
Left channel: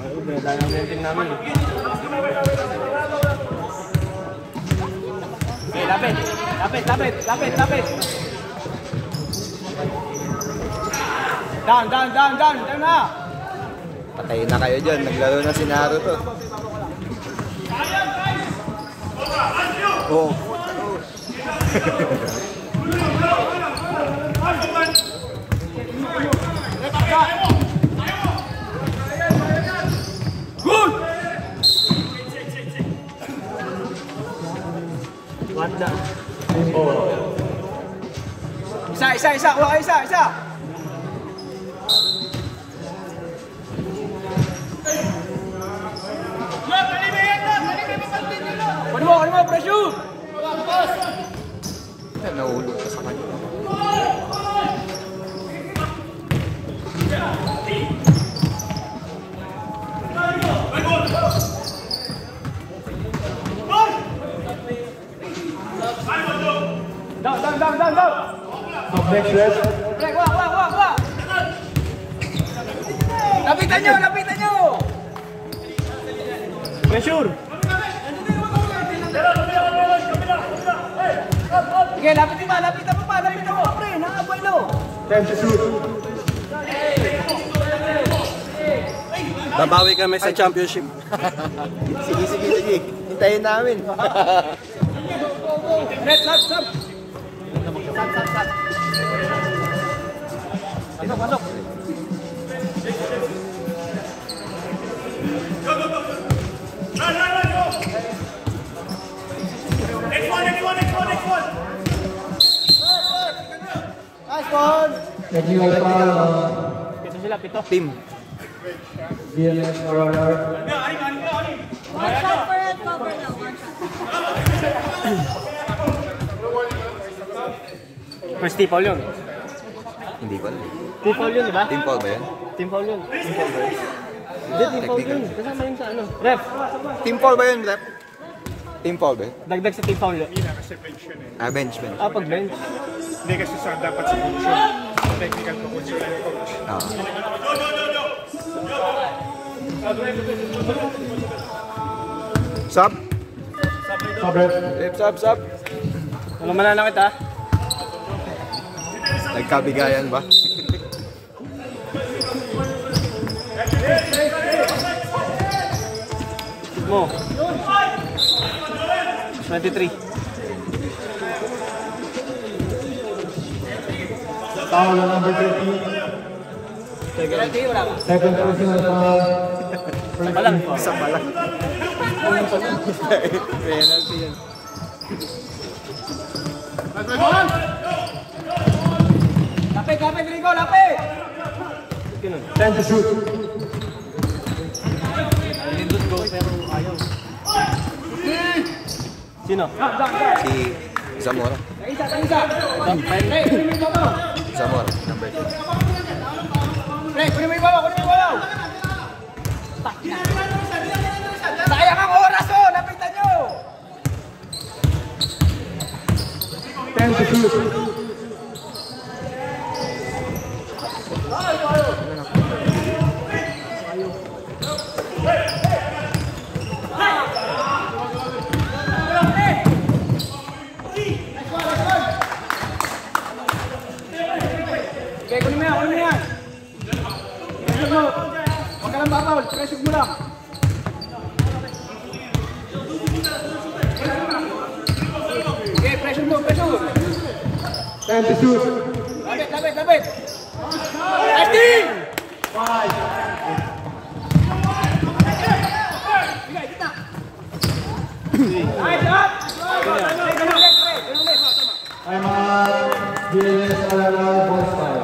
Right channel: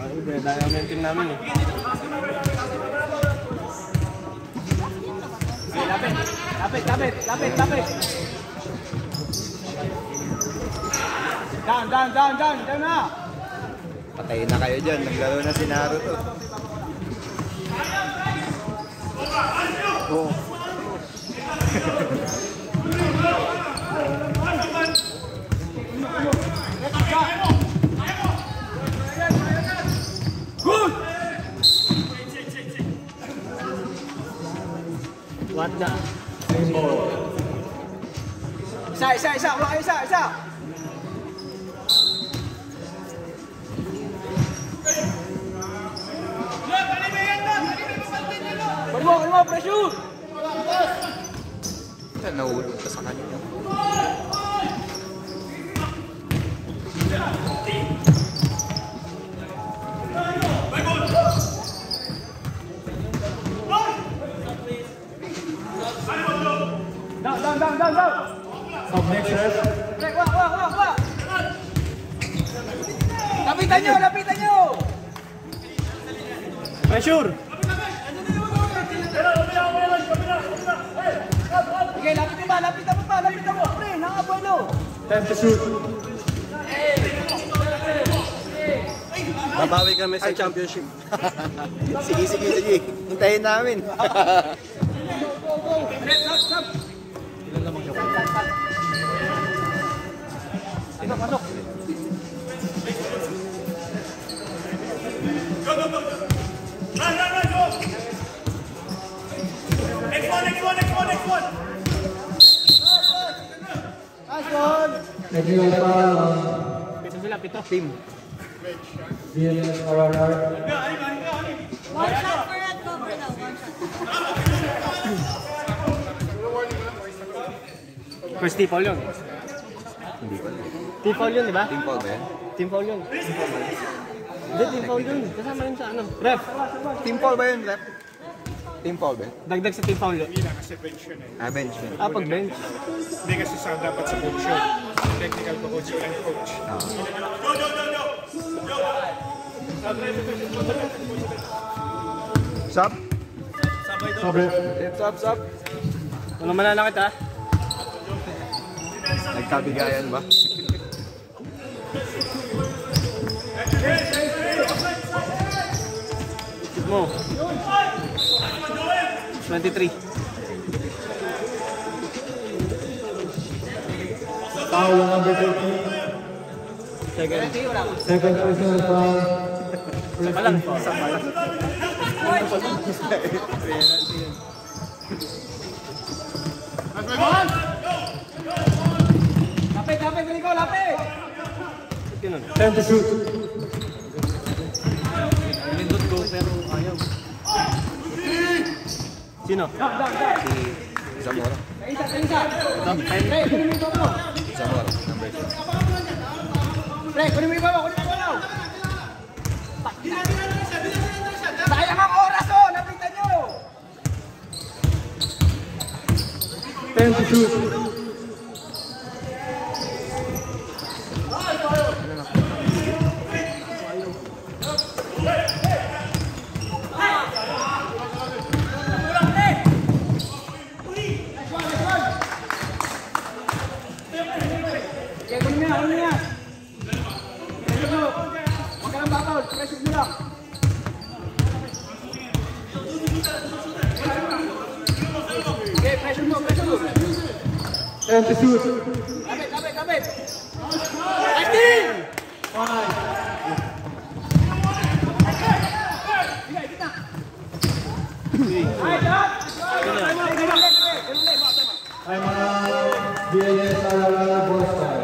Ay, binadaya na yung team namin eh. Okay, lapit. Down na! Patay na kayo dyan. Naglaro na si Naruto. Oh. Wanda. Isa. Wala isa. Kunin mo, pressure! Yan, nahulog pa sa kanya. Up next, ref. Wah. Lapitan nyo! Pressure! Okay, lapit mo pa, pre, nakabuelo. Time to shoot. Babawi kami sa championship. Sige. Hintayin namin. Stop. Technical foul. Pito sila, pito. Team. BLS around. One shot for red cover now. One shot. First team foul yun. Hindi ko alam. Team foul yun, di ba? Team foul ba yan? Team foul yun. Hindi, team foul yun. Kasama yun sa ano. Ref, Team foul ba yun, Rep? Team foul ba yun? dagdag sa team foul yun. Kasi bench yun eh. Ah, bench. Pag bench. Hindi kasi sa dapat sa coach yun. Technical to coach yun yung coach. Sub? Sub. Walang mananakit ha. Nagkabigayan ba? Shoot mo. 23. Foul on number 13. Second personal foul. Isa pa lang. Lapit, Rico, lapit! Time to shoot. Lindot go, pero ayaw. Sino? Si Zamora. Zamora, number 2. Sayang ang oras oh! Lapitan nyo! Time to shoot. Okay, kunin mo yan. Pressure mo. Huwag ka lang babawal. Pressure mo lang. Okay, pressure mo. Time to shoot. Lapit. Acting! I'm BLS Alala boys foul.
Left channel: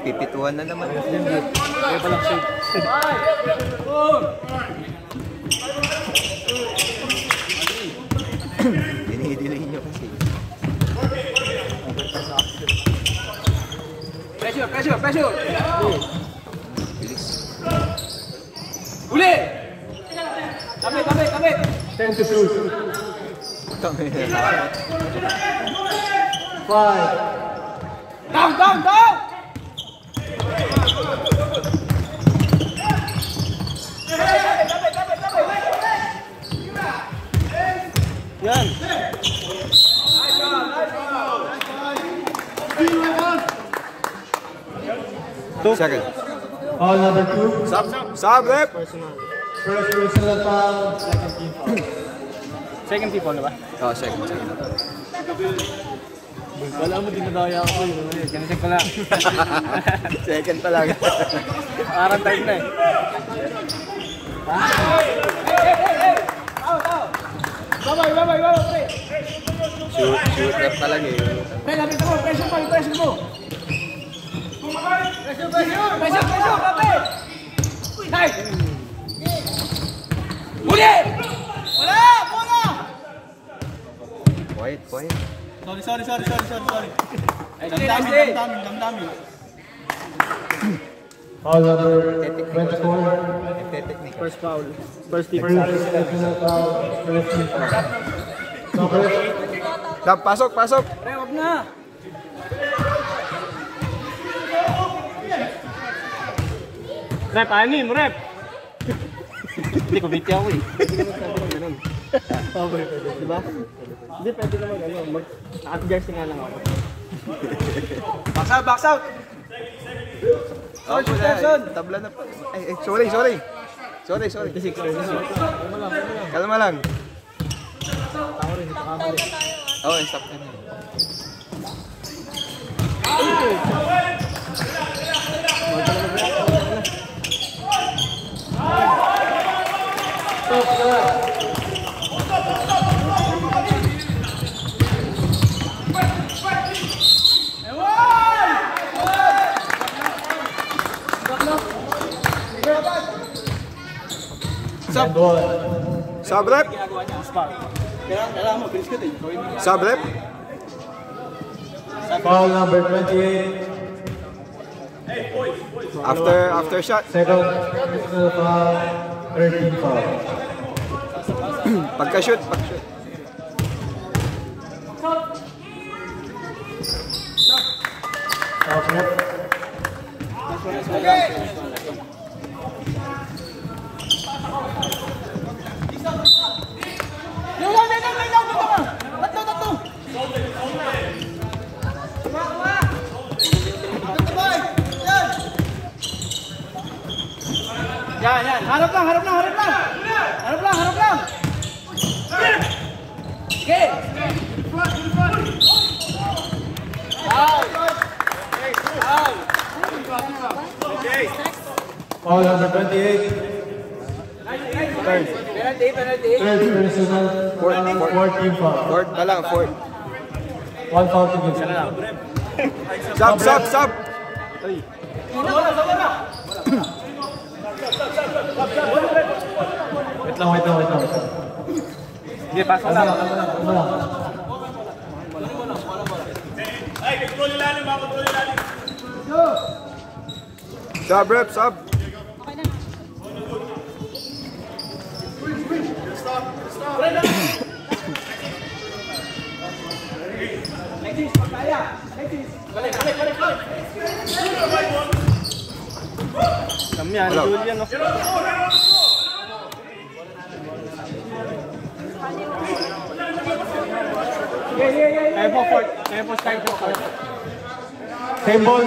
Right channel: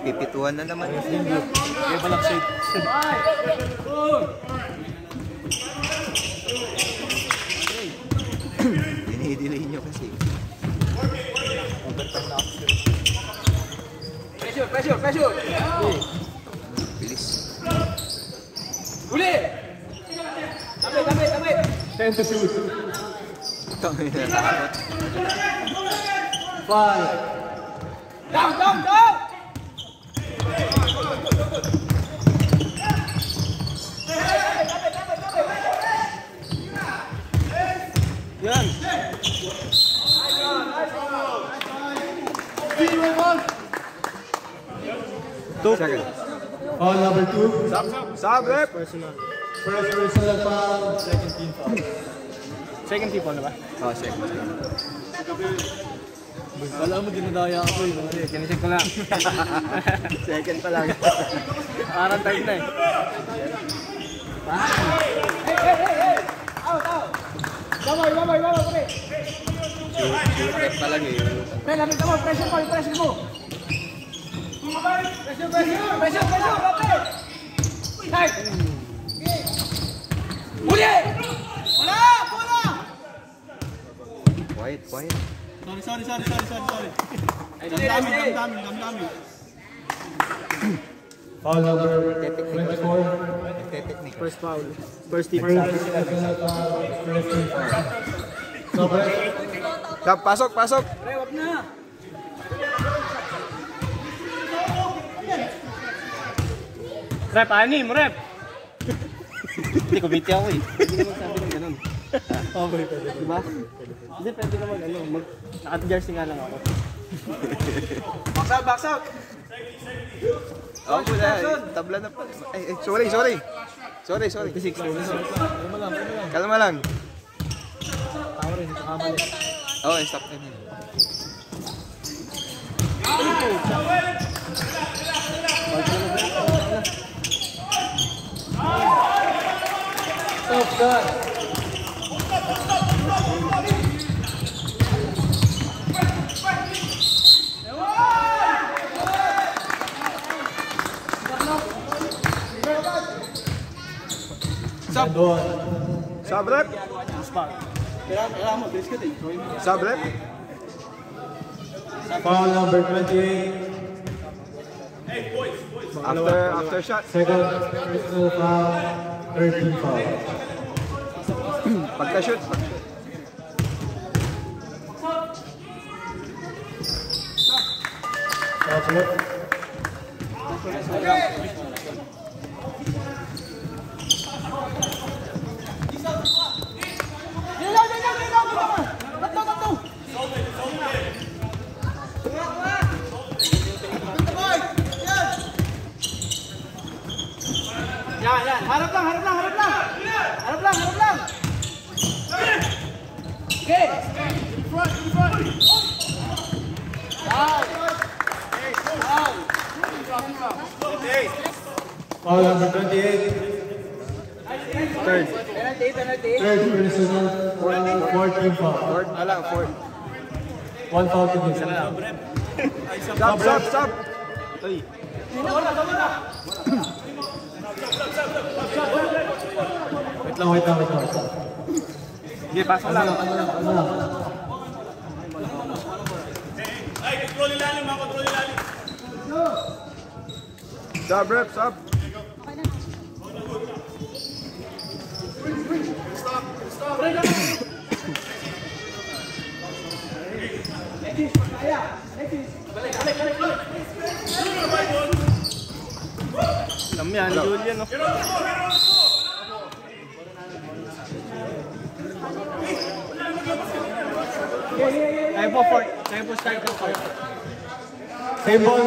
Pipituan na naman. Dinidilig niyo kasi. Pressure! Uli! Kapit! 10 to shoot. 5. Down! Yan! Second. Foul number 2. Sub, rep. Personal. First personal foul, second team foul. Second tip na ba? Oh, second. Wala mo, dinadaya ako yun. Kinicheck ko lang. Second talaga. Parang time na eh. Shoot rep talaga eh. Quiet. Sorry. Damdamin. Foul number 24. First foul. First tip. First personal foul, first team foul. Sub, pasok. Pre, wag na! Rep, anim, rep! Hindi ko biti ako eh. Ganun. Diba? Hindi, pwede naman naka-jersey nga lang ako. Box out! Oh, tabla na pa. Ay, sorry. Sorry. Kalma lang. Oh, stop na. Sub rep. Sub rep. Foul number 28. After shot. Second personal foul, third team foul. Pagka-shoot. Top left. Yan. Harap lang. Okay. Foul number 28. Third. Third personal, fourth team foul. Fourth na lang, fourth. One foul to give. Sub. Wait lang. Sige, pasok lang. Ano lang. Sub rep, sub. Alam yan, Julian, no? Kaya po start po. Same ball.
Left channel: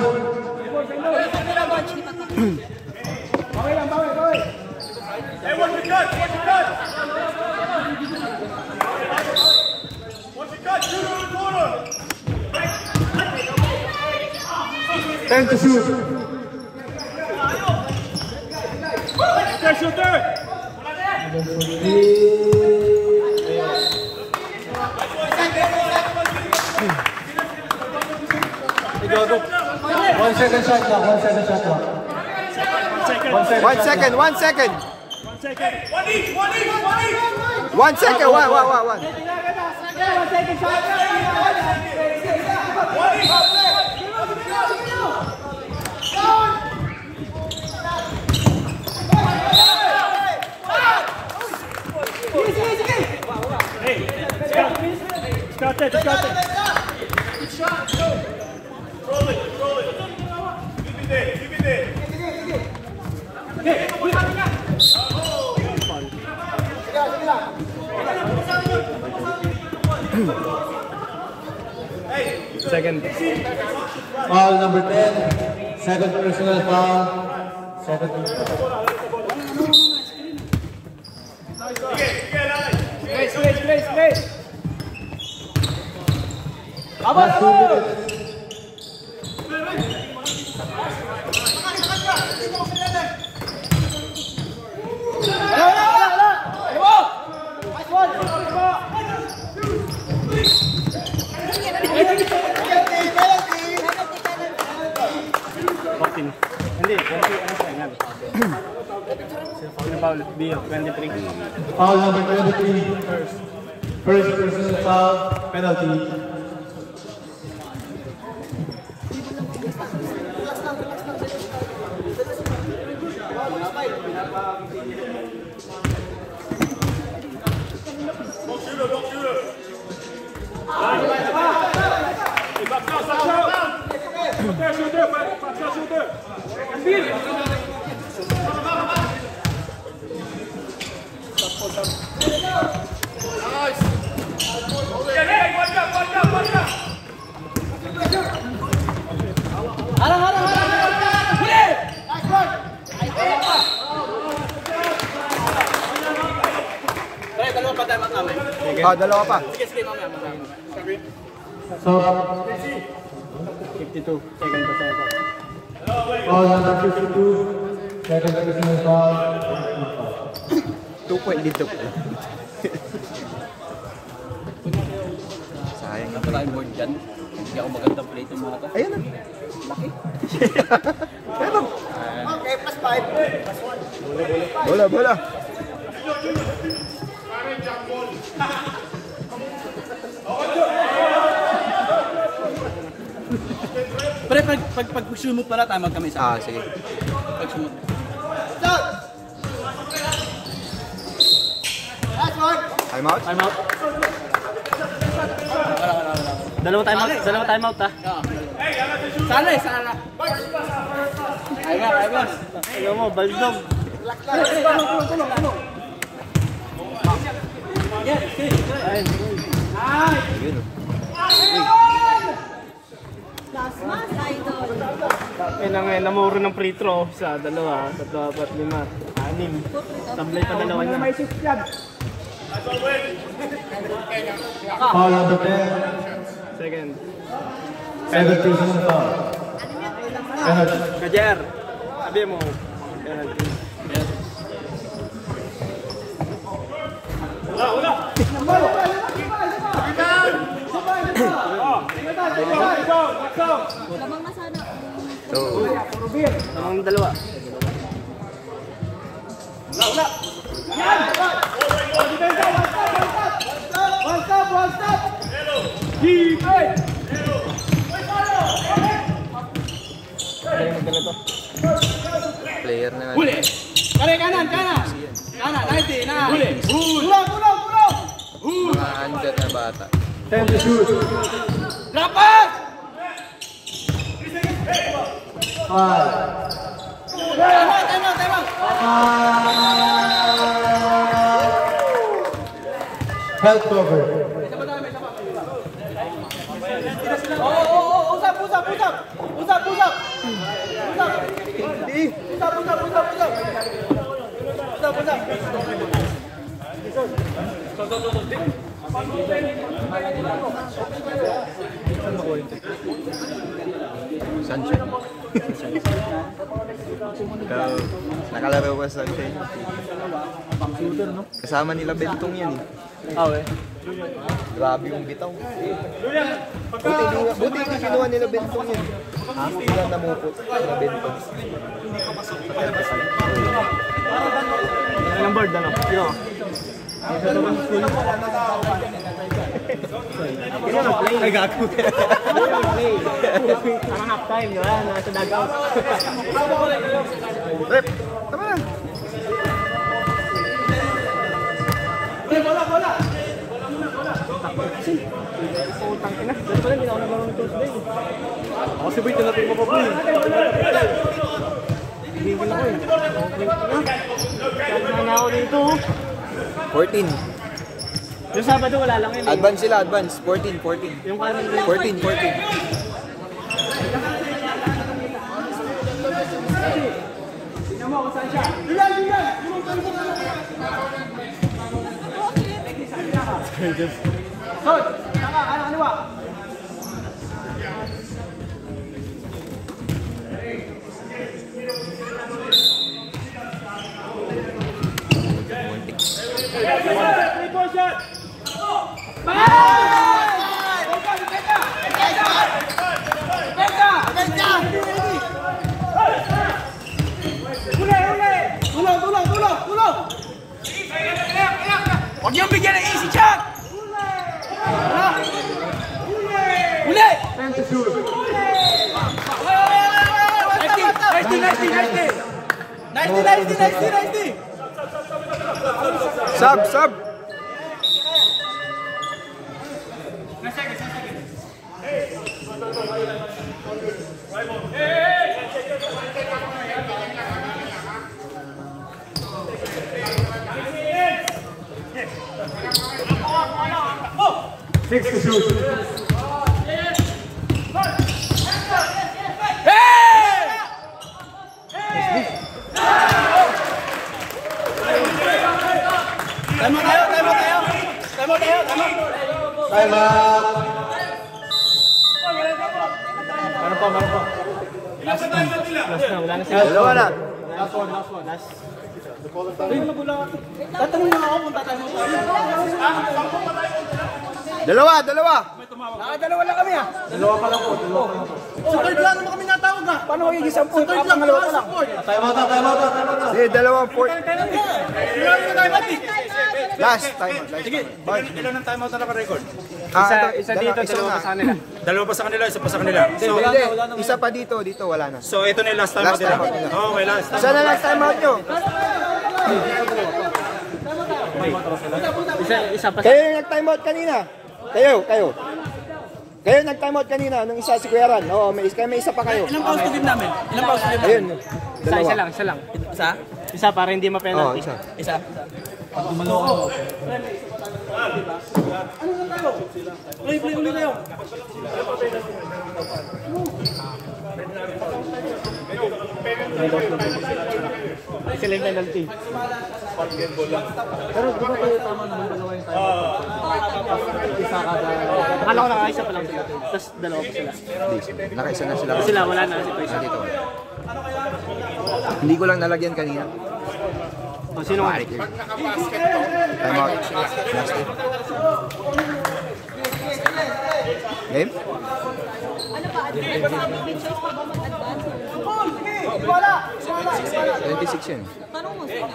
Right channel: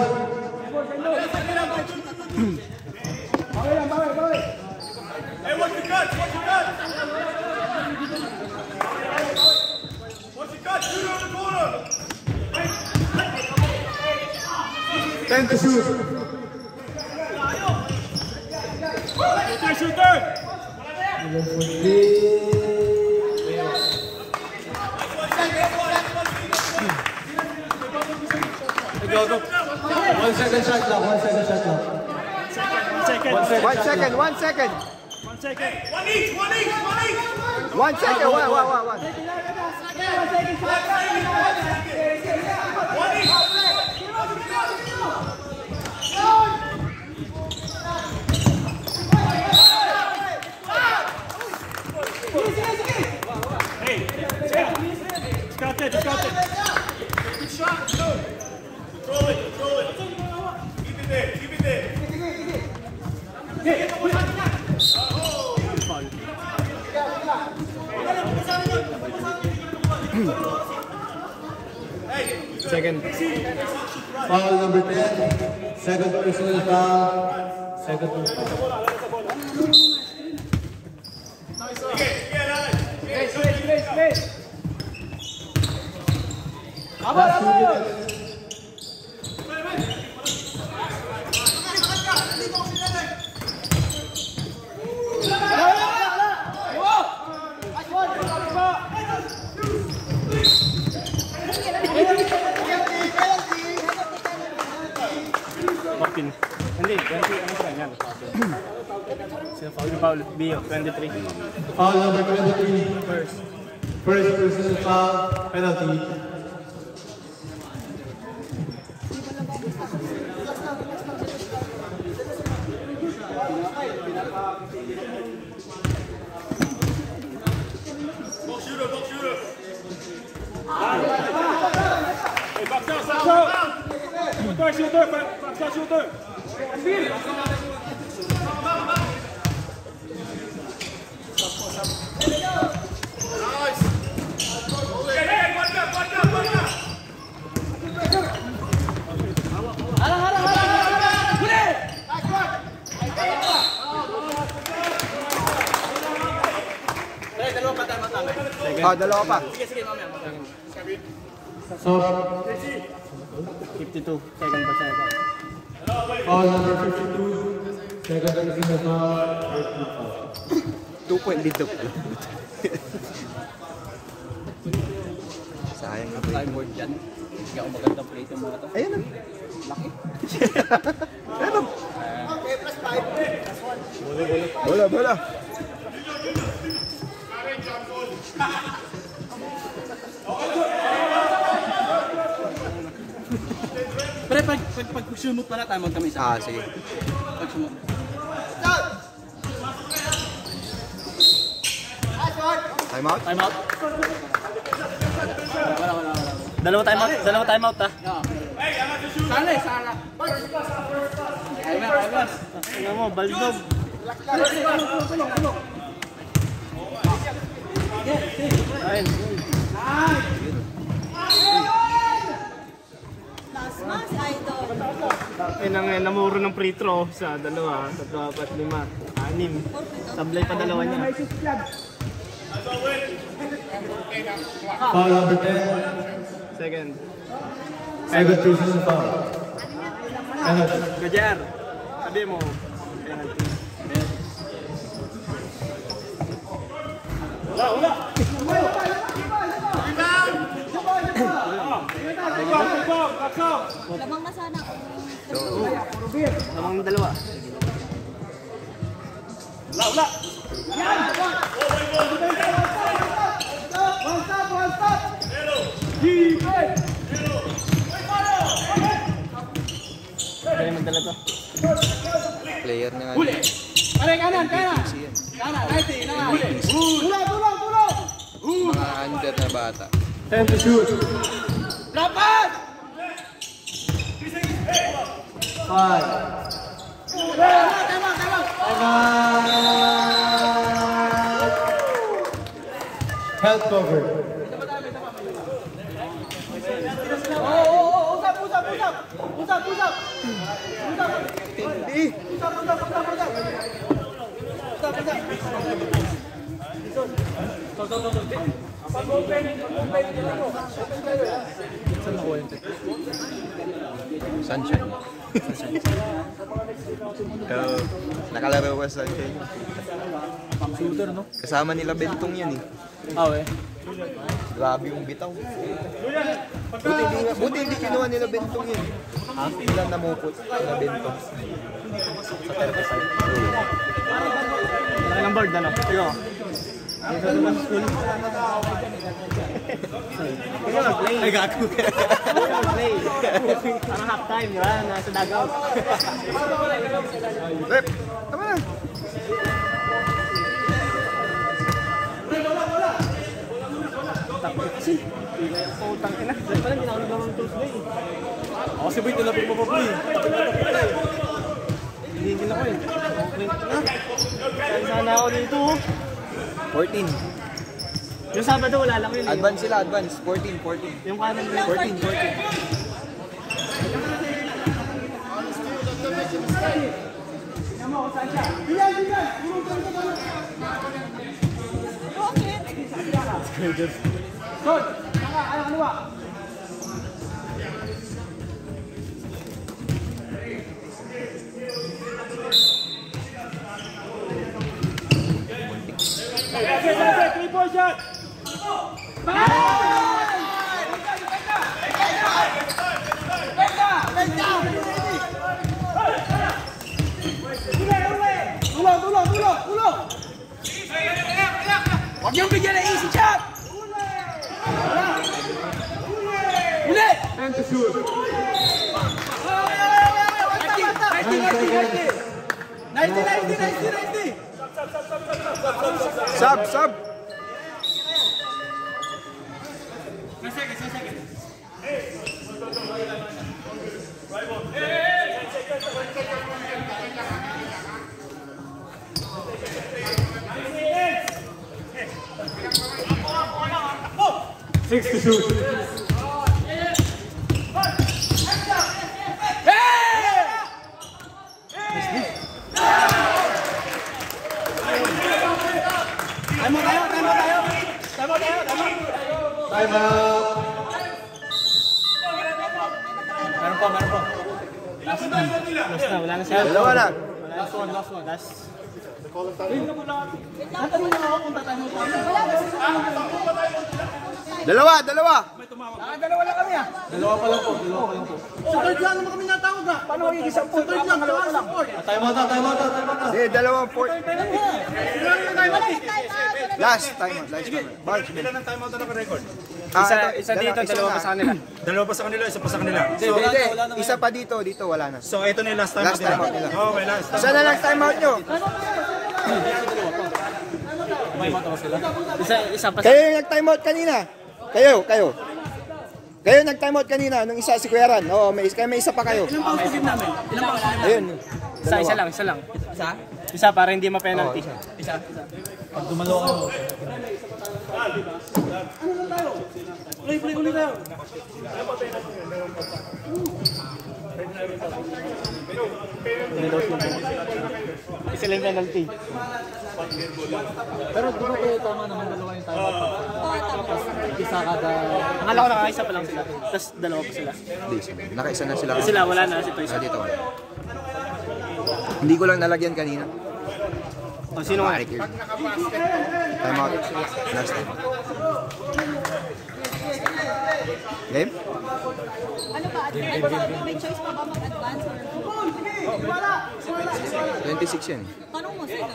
Time to shoot. Shooter! Go. 1 second shot now. 1 second shot now. 1 second. 1 second. second. 1 second. 1. Just got it. Second. Foul number 10. Second personal foul. Second personal foul. Last 2 minutes. Hindi, 20 ano sa kanya. Foul Bio, 23. Foul number 23. First personal foul, penalty. Dalawa pa. So, 52, second personal foul. foul number 52. Second personal foul. 2 point dito. Sayang yung Wala yung board dyan. Hindi ako magandang play itong mga to. Ayan na. Laki. Pero. Okay, plus 5. Bola. Pero pag sumot pala, tamag kami sa Sige. pag sumot. Time out? Time out. Dalawa time out ha. Sala. Ayos. Ano mo, baldog. Tulong. Mas idol. Kailangan namuro ng free throw sa 2, 3, 4, 5, 6. Tablay pa dalawa niya. Foul number 10. Second. Second personal foul. Penalty. Kajer, sabi mo, penalty. Labang na sana. Namang dalawa. Player na lang. Kanan. Kanan, 90 na. Tulong. Mga undead na bata. 10 to shoot. Lapat! 5. Time out. Health cover. Sancho. Nakalaro ko sa Senyo. Kasama nila Bentong yan eh. Grabe yung bitaw. Buti hindi kinuha nila Bentong yun. Hindi yan namupot nila Bentong. Laki ng board, ano? Sino ka? Ay, gago. Play. Parang half time, di ba? Nasa dugout. Rep, tama na. Putang ina. Dahil pala hindi na ako nagkaroon ng Tuesday. Ako si Boy, tinapin mo ko eh. Hindi ko lang eh. Sana ako dito. 14. Yung Sabado wala lang yun eh. Advance sila, advance. 14. Yung kanan ko. 14. Huwag niyong bigyan ng easy shot! Uli! Nice! Sub! Last na, wala na sila. Dalawa na. Last one. Tatanong na ako kung tatanong tayo. Dalawa. Dalawa lang kami ah. Dalawa pa lang po. Sa third lang naman kami natawag ah. Paano magiging 10? Sa third lang, dalawa lang. Time out. Sige, dalawang 4. Time out. Last time out. Balik. Ilan ang time out na naka-record? Isa dito, dalawa pa sa kanila. Dalawa pa sa kanila, isa pa sa kanila. So, Hindi, isa pa dito wala na. so ito na yung last time out Last time out nila. nila. Oo, may last time. Isa na lang time out nyo. Isa pa sa... Kayo yung nag-time out kanina. Kayo nag-time out kanina nung isa si Kuya Ran. Oo, may isa pa kayo. Ilang pause game namin? Ayun. Isa lang. Isa? Isa para hindi Oo, ma-penalty. isa. Play ulit tayo. Sila yung penalty. Pero di ba kayo tama na dalawa yung time? Isa kada... Akala ko nakaisa pa lang sila. Tapos dalawa pa sila. Nakaisa na sila. Sila wala na si Toy. Dito. Hindi ko lang nalagyan kanina. Sino nga? Bakit yun? Time out. Last time. Game? Ano ba? May choice pa ba mag-advance? 26 yun. Tanong mo sila.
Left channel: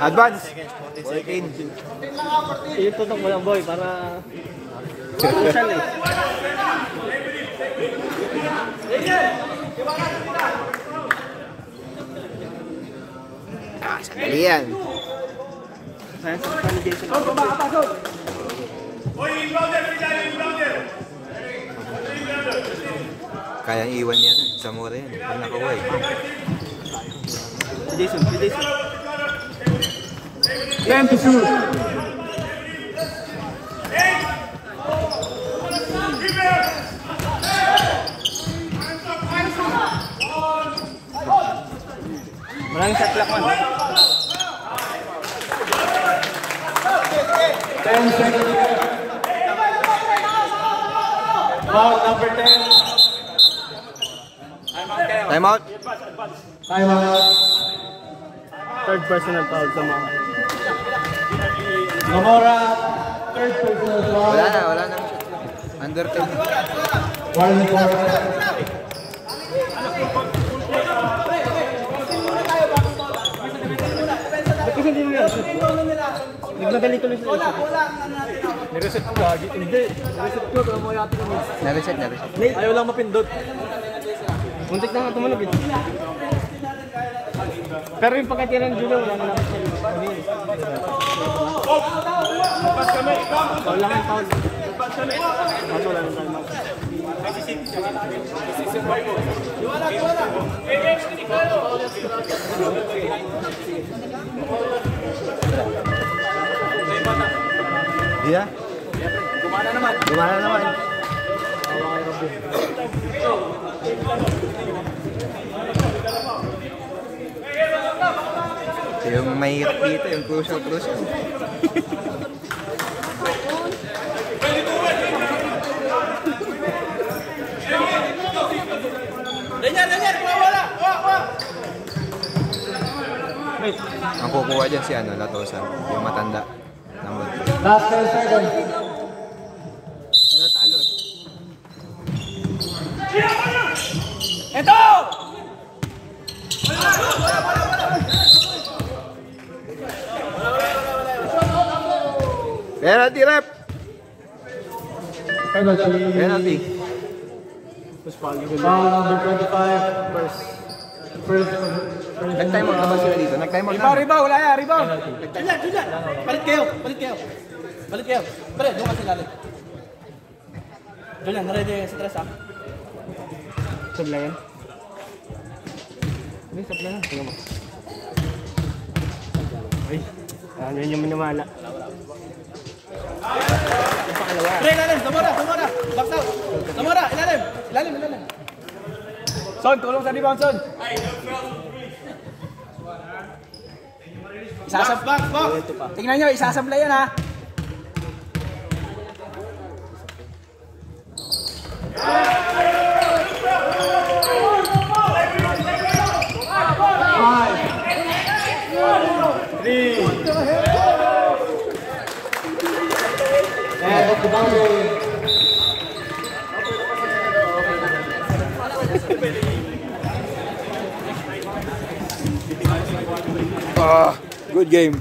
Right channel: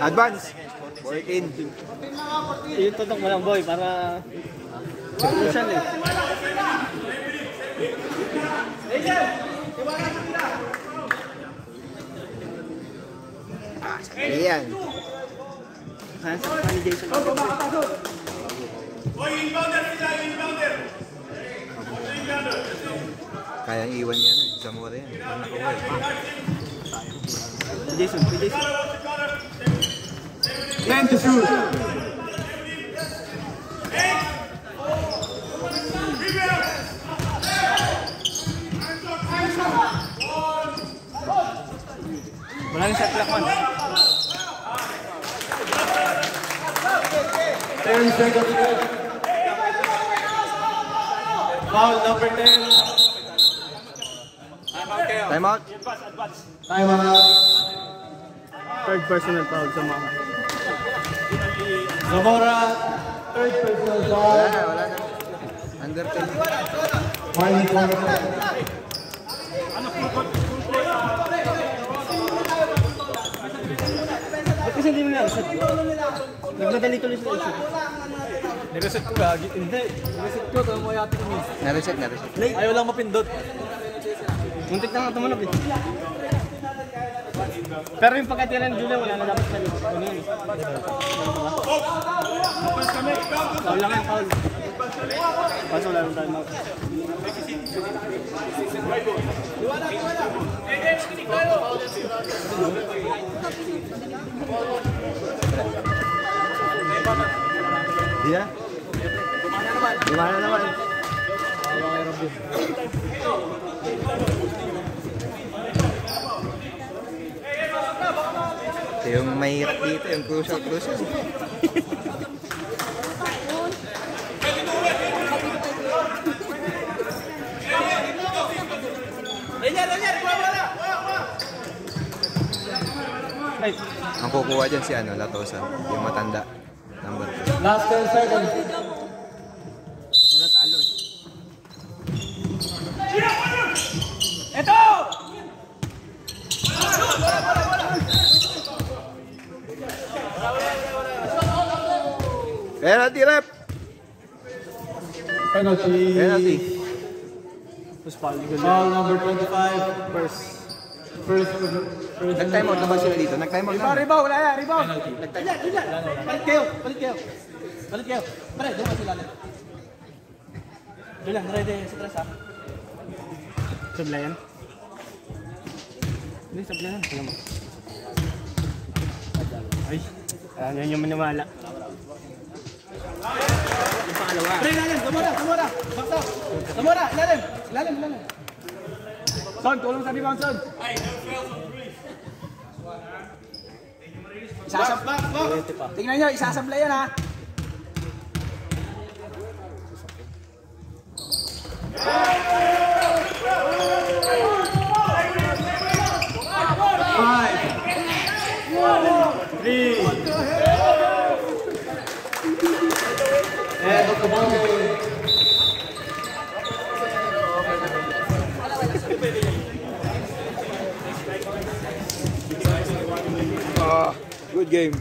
Advance. Boy King. Yung tutok mo lang boy para... Social eh. Ayan. Kaya sakta ni Jason. Kaya iwan yan. Zamora yan. Ang nakuha eh. Si Jason. Time to shoot. Maraming shot clock man. 10 seconds to go. Foul number 10. Time out. Time out. Third personal foul sa mga. Zamora, third personal foul. Wala na. Under 10. Warning quarter. Kasi hindi mo na-reset. Nagmadali tuloy sa reset. Nireset ko gagi. Hindi. Nireset ko. Kaya mo yata ko. Na-reset. Ayaw lang mapindot. Muntik na nga tumunog eh. Pero yung pagkatiran dito, wala na dapat siya. Papas kami. Foul lang yung foul. Kaso wala nang time. Iya. Gumana naman. Yung mahirap dito, yung crucial. Ang kukuha dyan si Latosan, yung matanda. Number 2. Last 10 seconds. Penalty rep! Penalty. Foul number 25. First. Nag-time out na ba sila dito? Nag-time out na. Ribaw, wala yan, ribaw. Diyan. Balik kayo. Pre, doon ka sila. Doon lang, ready sa tres ha. Sablayan. Hindi, sablayan. Tingnan mo. Ay, yan yung minamala. Pre, ilalim, Zamora. Back out. Zamora, ilalim. Son, tulong sa rebound, Son. Back. Tingnan nyo, isasabla yan ha. And of the boundary. Good game.